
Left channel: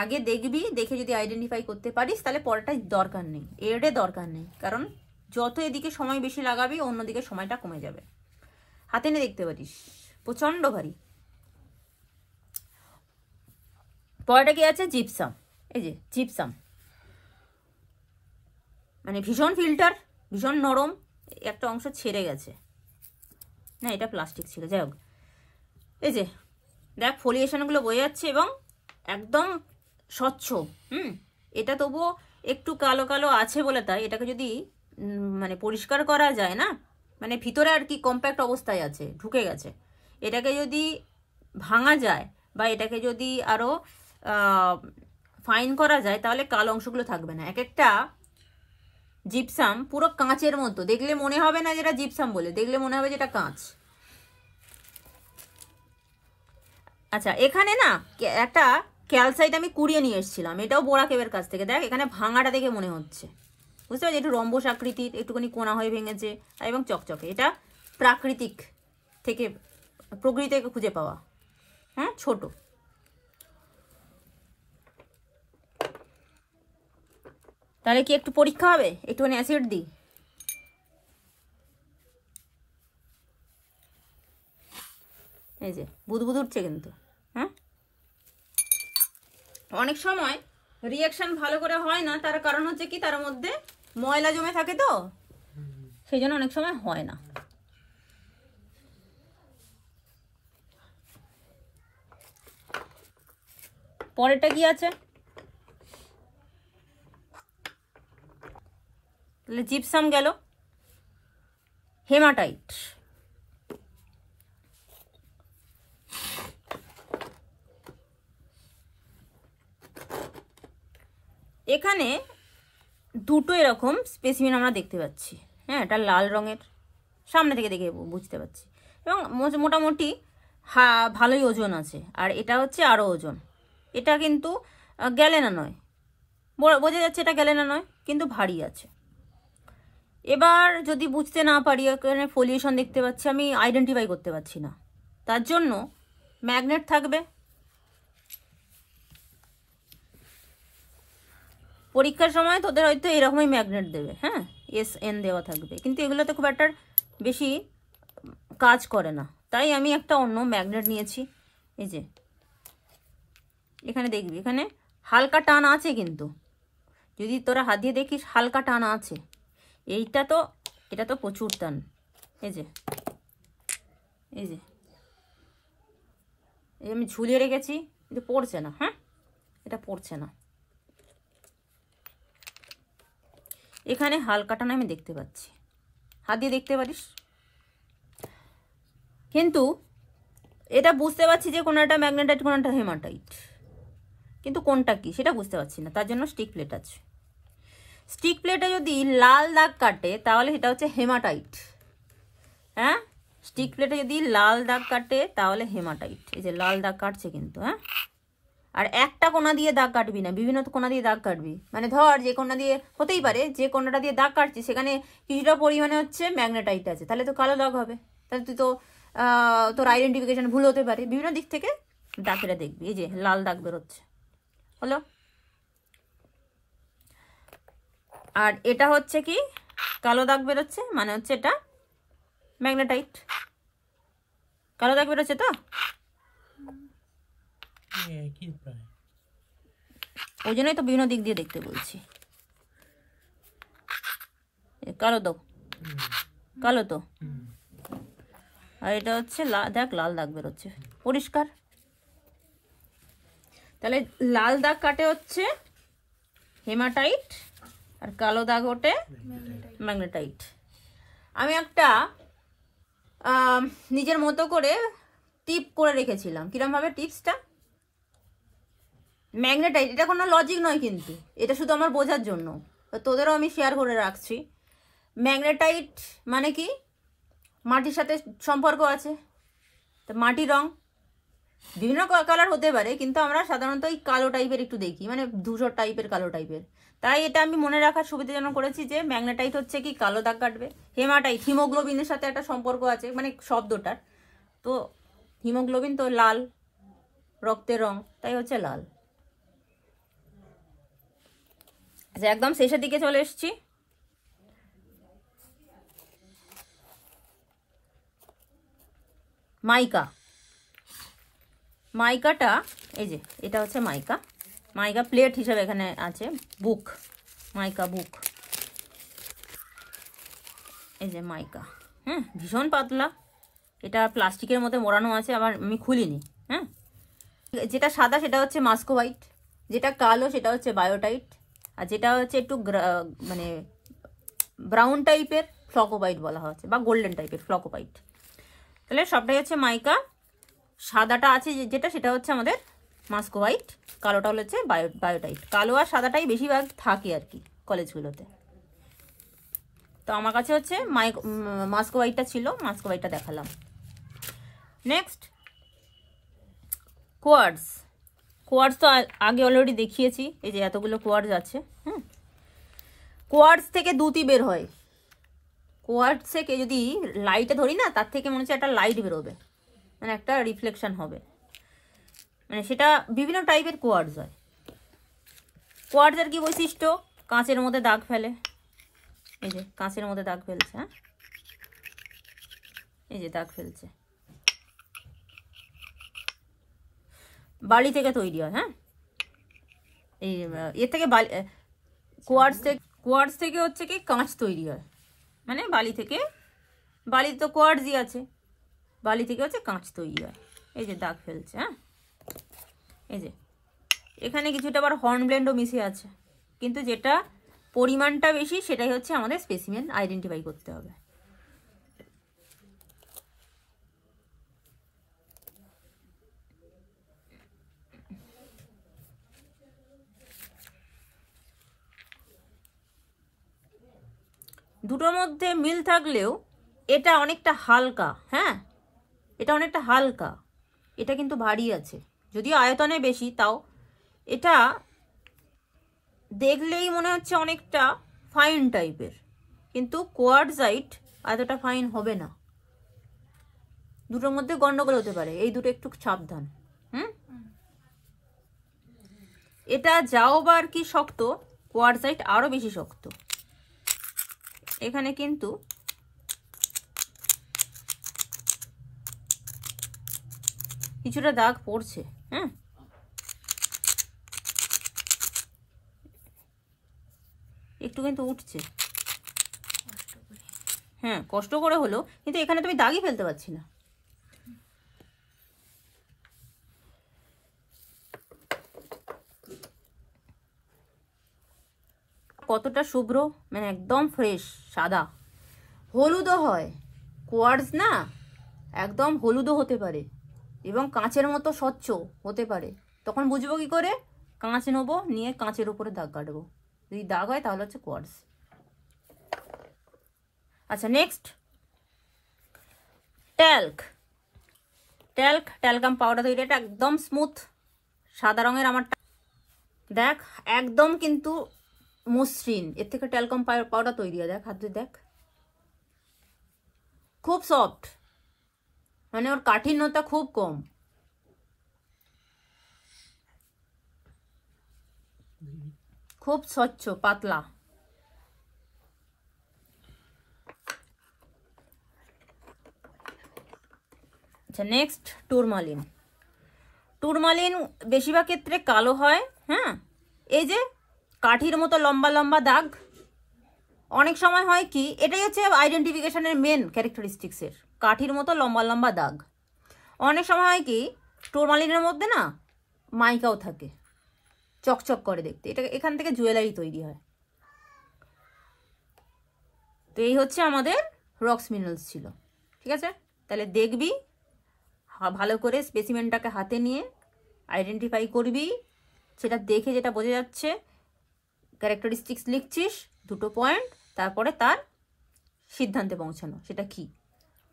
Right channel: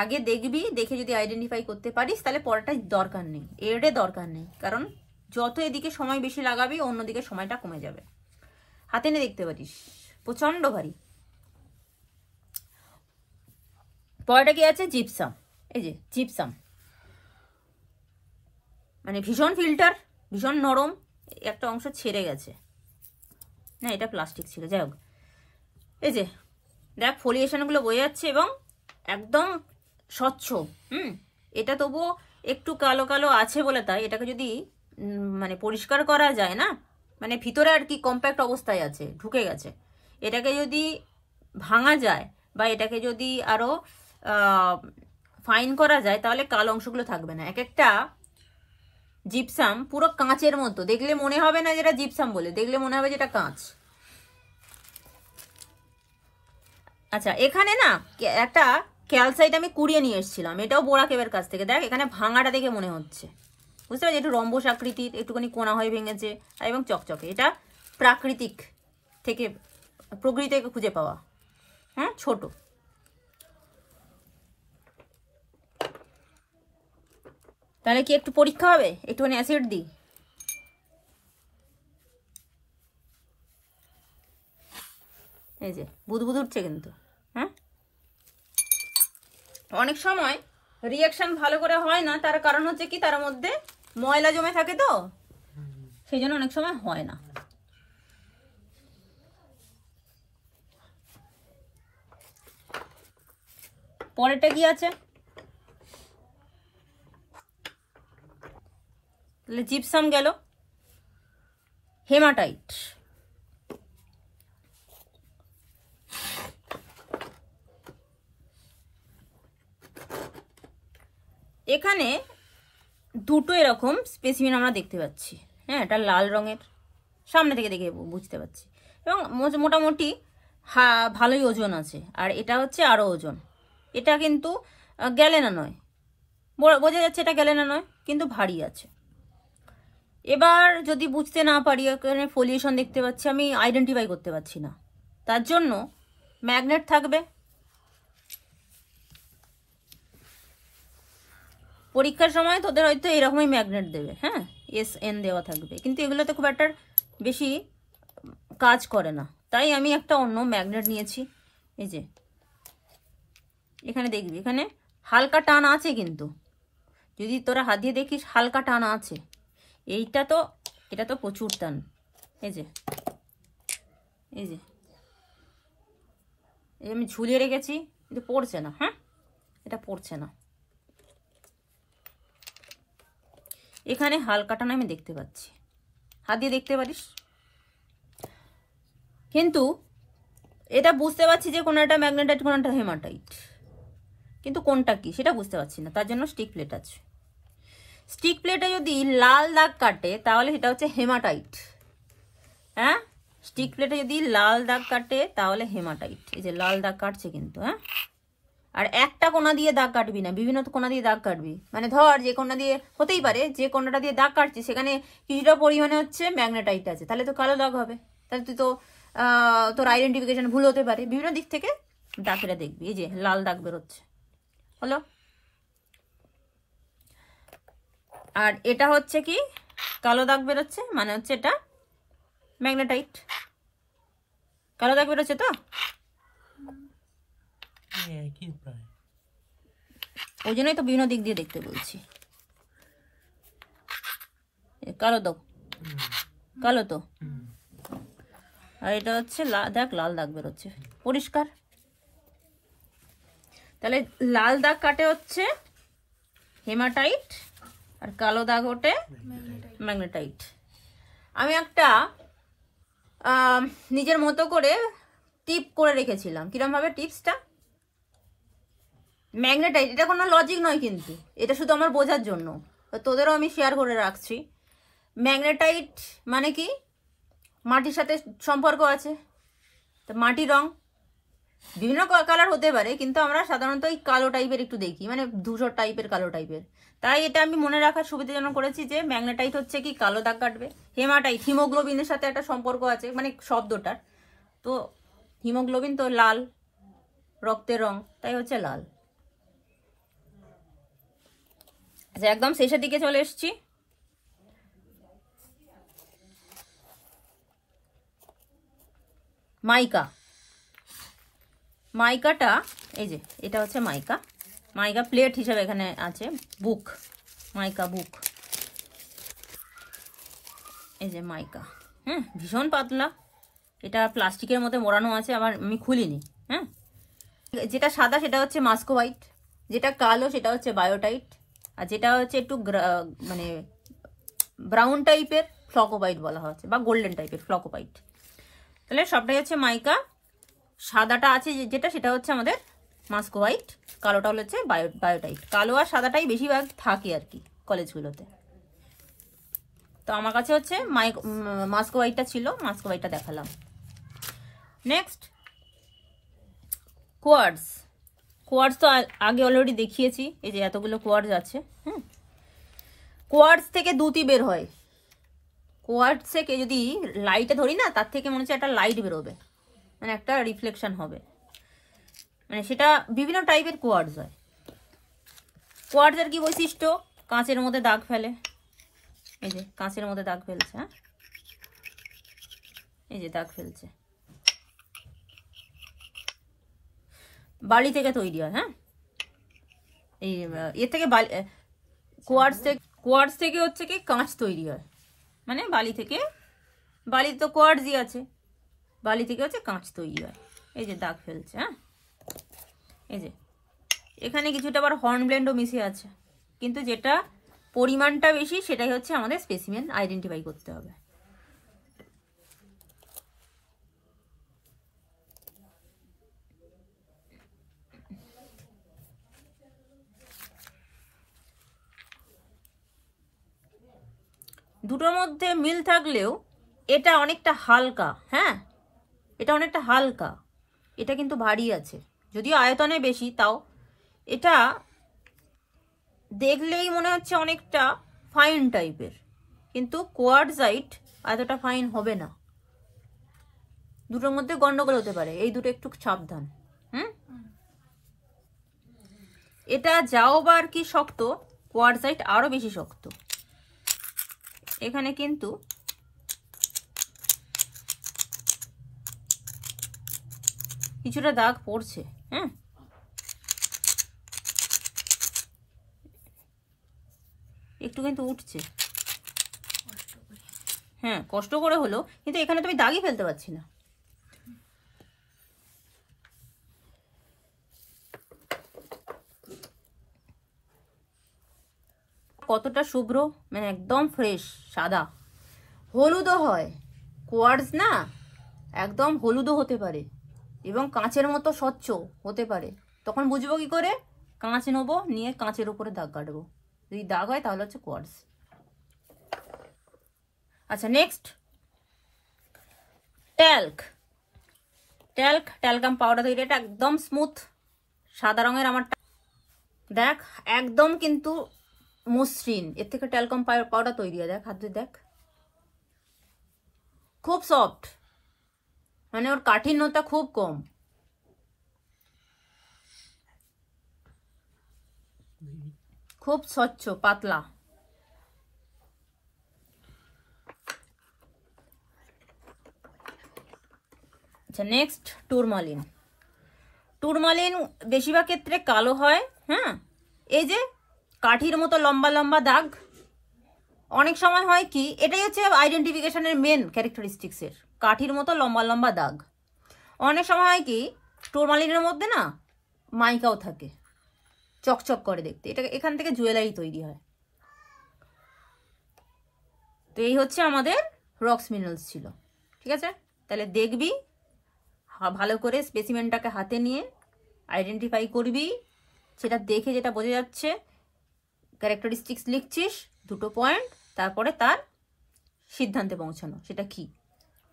আগে দেখবি, দেখে যদি আইডেন্টিফাই করতে পারিস তাহলে পরেরটাই দরকার নেই, এরডে দরকার নেই। কারণ যত এদিকে সময় বেশি লাগাবি, অন্যদিকে সময়টা কমে যাবে। হাতে নিয়ে দেখতে পারিস, প্রচন্ড ভারী। পরেরটা কি আছে? জিপসাম। এই যে জিপসাম, মানে ভীষণ ফিল্টার, ভীষণ নরম, একটা অংশ ছেড়ে গেছে না, এটা প্লাস্টিক ছিল, যাই হোক। এই যে দেখ ফলিয়েশনগুলো বয়ে যাচ্ছে এবং একদম স্বচ্ছ। এটা তবুও একটু কালো কালো আছে বলে তাই এটাকে যদি মানে পরিষ্কার করা যায় না, মানে ভিতরে আর কি কম্প্যাক্ট অবস্থায় আছে, ঢুকে গেছে, এটাকে যদি ভাঙা যায় বা এটাকে যদি আরো ফাইন করা যায়, তাহলে কালো অংশগুলো থাকবে না। এক একটা জিপসাম পুরো কাঁচের মতো, দেখলে মনে হবে না যেটা জিপসাম বলে, দেখলে মনে হবে যেটা কাঁচ। আচ্ছা, এখানে না একটা ক্যালসাইট আমি কুড়িয়ে নিয়ে এসেছিলাম, এটাও বোরা কেবের কাছ থেকে। দেখ এখানে ভাঙাটা দেখে মনে হচ্ছে, বুঝতে পারছি, একটু রম্বস আকৃতির, একটুখানি কোনা হয়ে ভেঙেছে এবং চকচকে। এটা প্রাকৃতিক থেকে, প্রকৃতি থেকে খুঁজে পাওয়া। হ্যাঁ, ছোট। তাহলে কি একটু পরীক্ষা হবে? একটুখানি অ্যাসিড দিই। এই যে বুদবুদ উঠছে কিন্তু। হ্যাঁ, অনেক সময় রিয়াকশন ভালো করে হয় না, তার কারণ হচ্ছে কি, তার মধ্যে ময়লা জমে থাকে, তো সেই জন্য অনেক সময় হয় না। পরেরটা কি আছে? তাহলে জিপসাম গেল। হেমাটাইট, এখানে দুটো এরকম স্পেসিমেন আমরা দেখতে পাচ্ছি। হ্যাঁ, এটা লাল রঙের, সামনে থেকে দেখে বুঝতে পারছি, এবং মোটামুটি ভালোই ওজন আছে। আর এটা হচ্ছে আরো ওজন। এটা কিন্তু গ্যালেনা নয়, বোঝা যাচ্ছে এটা গ্যালেনা নয়, কিন্তু ভারী আছে। এবার যদি বুঝতে না পারি, এখানে ফলিয়েশন দেখতে পাচ্ছি, আমি আইডেন্টিফাই করতে পারছি না, তার জন্য ম্যাগনেট থাকবে। পরীক্ষার সময় তোদের হয়তো এরকমই ম্যাগনেট দেবে। হ্যাঁ, SN দেওয়া থাকবে, কিন্তু এগুলোতে খুব একটা বেশি কাজ করে না, তাই আমি একটা অন্য ম্যাগনেট নিয়েছি। এই যে এখানে দেখবি, এখানে হালকা টান আছে, কিন্তু যদি তোরা হাত দিয়ে দেখিস হালকা টান আছে। এটা তো প্রচুর টান। এই যে এই যে আমি ঝুলিয়ে রেখেছি, কিন্তু পড়ছে না। হ্যাঁ, এটা পড়ছে না। এখানে হালকাটা না আমি দেখতে পাচ্ছি, হাত দিয়ে দেখতে পারিস, কিন্তু এটা বুঝতে পারছি যে কোনটা ম্যাগনেটাইট কোনটা হেমাটাইট, কিন্তু কোনটা কি সেটা বুঝতে পারছি না, তার জন্য স্টিক প্লেট আছে। স্টিক প্লেটে যদি লাল দাগ কাটে তাহলে সেটা হচ্ছে হেমাটাইট। হ্যাঁ, স্টিক প্লেটে যদি লাল দাগ কাটে তাহলে হেমাটাইট। এই যে লাল দাগ কাটছে কিন্তু। হ্যাঁ, আর একটা কোনা দিয়ে দাগ কাটবি না, বিভিন্ন কোনা দিয়ে দাগ কাটবি। মানে ধর যে কোনা দিয়ে, হতেই পারে যে কোনাটা দিয়ে দাগ কাটছি সেখানে কিছুটা পরিমাণে হচ্ছে ম্যাগনেটাইট আছে, তাহলে তো কালো দাগ হবে, তাহলে তুই তো তোর আইডেন্টিফিকেশন ভুল হতে পারে। বিভিন্ন দিক থেকে দাগটা দেখবি। এই যে লাল দাগ বেরোচ্ছে, হলো। আর এটা হচ্ছে কি কালো দাগ বেরোচ্ছে, মানে হচ্ছে এটা ম্যাগনেটাইট। কালো দাগ বেরোচ্ছে তো, ওই জন্যই তো বিভিন্ন দিক দিয়ে দেখতে বলছি। কালো দাগ, কালো তো, আর এটা হচ্ছে দেখ লাল দাগ বেরোচ্ছে পরিষ্কার। তাহলে লাল দাগ কাটে হচ্ছে হেমাটাইট, আর কালো দাগ ওঠে ম্যাগনেটাইট। আমি একটা নিজের মতো করে টিপ করে রেখেছিলাম। কিরম ভাবে টিপসটা? ম্যাগনেটাইট, এটা কোনো লজিক নয় কিন্তু, এটা শুধু আমার বোঝার জন্য, তোদেরও আমি শেয়ার করে রাখছি। ম্যাগনেটাইট মানে কি, মাটির সাথে সম্পর্ক আছে। তো মাটি রং বিভিন্ন কালার হতে পারে, কিন্তু আমরা সাধারণত এই কালো টাইপের একটু দেখি, মানে ধূসর টাইপের, কালো টাইপের। তাই এটা আমি মনে রাখার সুবিধাজনক করেছি যে ম্যাগনেটাইট হচ্ছে কি কালো দাগ কাটবে। হেমাটাইট হিমোগ্লোবিনের সাথে একটা সম্পর্ক আছে, মানে শব্দটার। তো হিমোগ্লোবিন তো লাল, রক্তের রং, তাই হচ্ছে লাল। আচ্ছা, একদম শেষের দিকে চলে এসেছি। মাইকা, মাইকাটা এই যে এটা হচ্ছে মাইকা। মাইকা প্লেট হিসেবে এখানে আছে। বুক, মাইকা বুক, এই যে মাইকা। হ্যাঁ, ভীষণ পাতলা, এটা প্লাস্টিকের মধ্যে মোড়ানো আছে, আবার আমি খুলিনি। হ্যাঁ, যেটা সাদা সেটা হচ্ছে মাস্কোবাইট, যেটা কালো সেটা হচ্ছে বায়োটাইট, আর যেটা হচ্ছে একটু মানে ব্রাউন টাইপের ফ্লকোবাইট বলা হচ্ছে, বা গোল্ডেন টাইপের ফ্লকোবাইট। তাহলে সবটাই হচ্ছে মাইকা। সাদাটা আছে যেটা, সেটা হচ্ছে আমাদের মাস্কোবাইট, কালোটা হচ্ছে বায়োটাইট। কালো আর সাদাটাই বেশিরভাগ থাকে আর কি কলেজগুলোতে। তো আমার কাছে হচ্ছে মাস্কোবাইটটা ছিল, মাস্কোবাইটটা দেখালাম। Next quartz. কোয়ার্টজ তো আগে অলরেডি দেখিয়েছি, এই যে এতগুলো কোয়ার্টজ আছে। কোয়ার্টজ থেকে দুটি বের হয়। কোয়ার্টজ থেকে যদি লাইটে ধরি না, তার থেকে মনে হচ্ছে একটা লাইট বেরোবে, মানে একটা রিফ্লেকশন হবে, মানে সেটা বিভিন্ন টাইপের কোয়ার্টজ হয়। কোয়ার্টজের কি বৈশিষ্ট্য? কাঁচের মধ্যে দাগ ফেলে, এই যে কাঁচের মধ্যে দাগ ফেলছে। হ্যাঁ, এই যে দাগ ফেলছে, বালি থেকে তৈরি হয়। হ্যাঁ, এই এর থেকে কোয়ার্টজ থেকে হচ্ছে কি কাঁচ তৈরি হয়, মানে বালি থেকে, বালি তো কোয়ার্টজই আছে, বালি থেকে হচ্ছে কাঁচ তৈরি হয়। এই যে দাগ ফেলছে। হ্যাঁ, এই যে এখানে কিছুটা আবার হর্নব্লেন্ডও মিশে আছে, কিন্তু যেটা পরিমাণটা বেশি সেটাই হচ্ছে আমাদের স্পেসিমেন আইডেন্টিফাই করতে হবে। দুটোর মধ্যে মিল থাকলেও এটা অনেকটা হালকা। হ্যাঁ, এটা অনেকটা হালকা, এটা কিন্তু ভারী আছে, যদিও আয়তনে বেশি, তাও এটা দেখলেই মনে হচ্ছে অনেকটা ফাইন টাইপের, কিন্তু কোয়ার্টজাইট এতটা ফাইন হবে না। দুটোর মধ্যে গন্ডগোল হতে পারে, এই দুটো একটু সাবধান। এটা যাও বা আর কি শক্ত, কোয়ার্টজাইট আরো বেশি শক্ত। এখানে কিন্তু কিছুটা দাগ পড়ছে। হ্যাঁ, একটু কিন্তু উঠছে। হ্যাঁ, কষ্ট করে হলো, কিন্তু এখানে তুমি দাগই ফেলতে পারছি না। কতটা শুভ্র, মানে একদম ফ্রেশ সাদা। হলুদও হয়, কোয়ার্টজ না একদম হলুদও হতে পারে এবং কাঁচের মতো স্বচ্ছ হতে পারে। তখন বুঝবো কি করে? কাঁচ নেবো, নিয়ে কাঁচের উপরে দাগ কাটবো, যদি দাগ হয় তাহলে হচ্ছে কোয়ার্টজ। আচ্ছা নেক্সট ট্যাল্ক। ট্যালকাম পাউডার তৈরি, এটা একদম স্মুথ সাদা রঙের। আমার দেখ একদম কিন্তু মসৃণ, এর থেকে ট্যালকাম পাউডার তৈরি হয়। দেখ হাত দিয়ে দেখ, খুব সফট, মানে ওর কাঠিন্যতা খুব কম। খুব স্বচ্ছ পাতলা। আচ্ছা নেক্সট টুরমালিন। টুরমালিন বেশিরভাগ ক্ষেত্রে কালো হয়। হ্যাঁ, এই যে কাঠির মতো লম্বা লম্বা দাগ, অনেক সময় হয় কি, এটাই হচ্ছে আইডেন্টিফিকেশনের মেন ক্যারেক্টারিস্টিক্সের, কাঠির মতো লম্বা লম্বা দাগ। অনেক সময় হয় কি টুরমালিনের মধ্যে না মাইকাও থাকে, চকচক করে দেখতে, এটা এখান থেকে জুয়েলারি তৈরি হয়। তো এই হচ্ছে আমাদের রক্স মিনারেলস ছিল। ঠিক আছে, তাহলে দেখবি ভালো করে স্পেসিমেনটাকে হাতে নিয়ে আইডেন্টিফাই করবি, সেটা দেখে যেটা বোঝা যাচ্ছে ক্যারেক্টারিস্টিক্স লিখছিস 2টো পয়েন্ট, তারপরে তার সিদ্ধান্তে পৌঁছানো, সেটা কি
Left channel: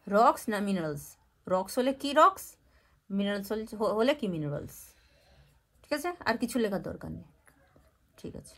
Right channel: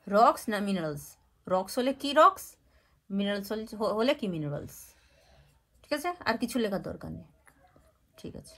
রক্স না মিনারেলস। রক্স হলে কি রক্স, মিনারেলস হলে কি মিনারেলস। ঠিক আছে, আর কিছু লেখার দরকার নেই। ঠিক আছে।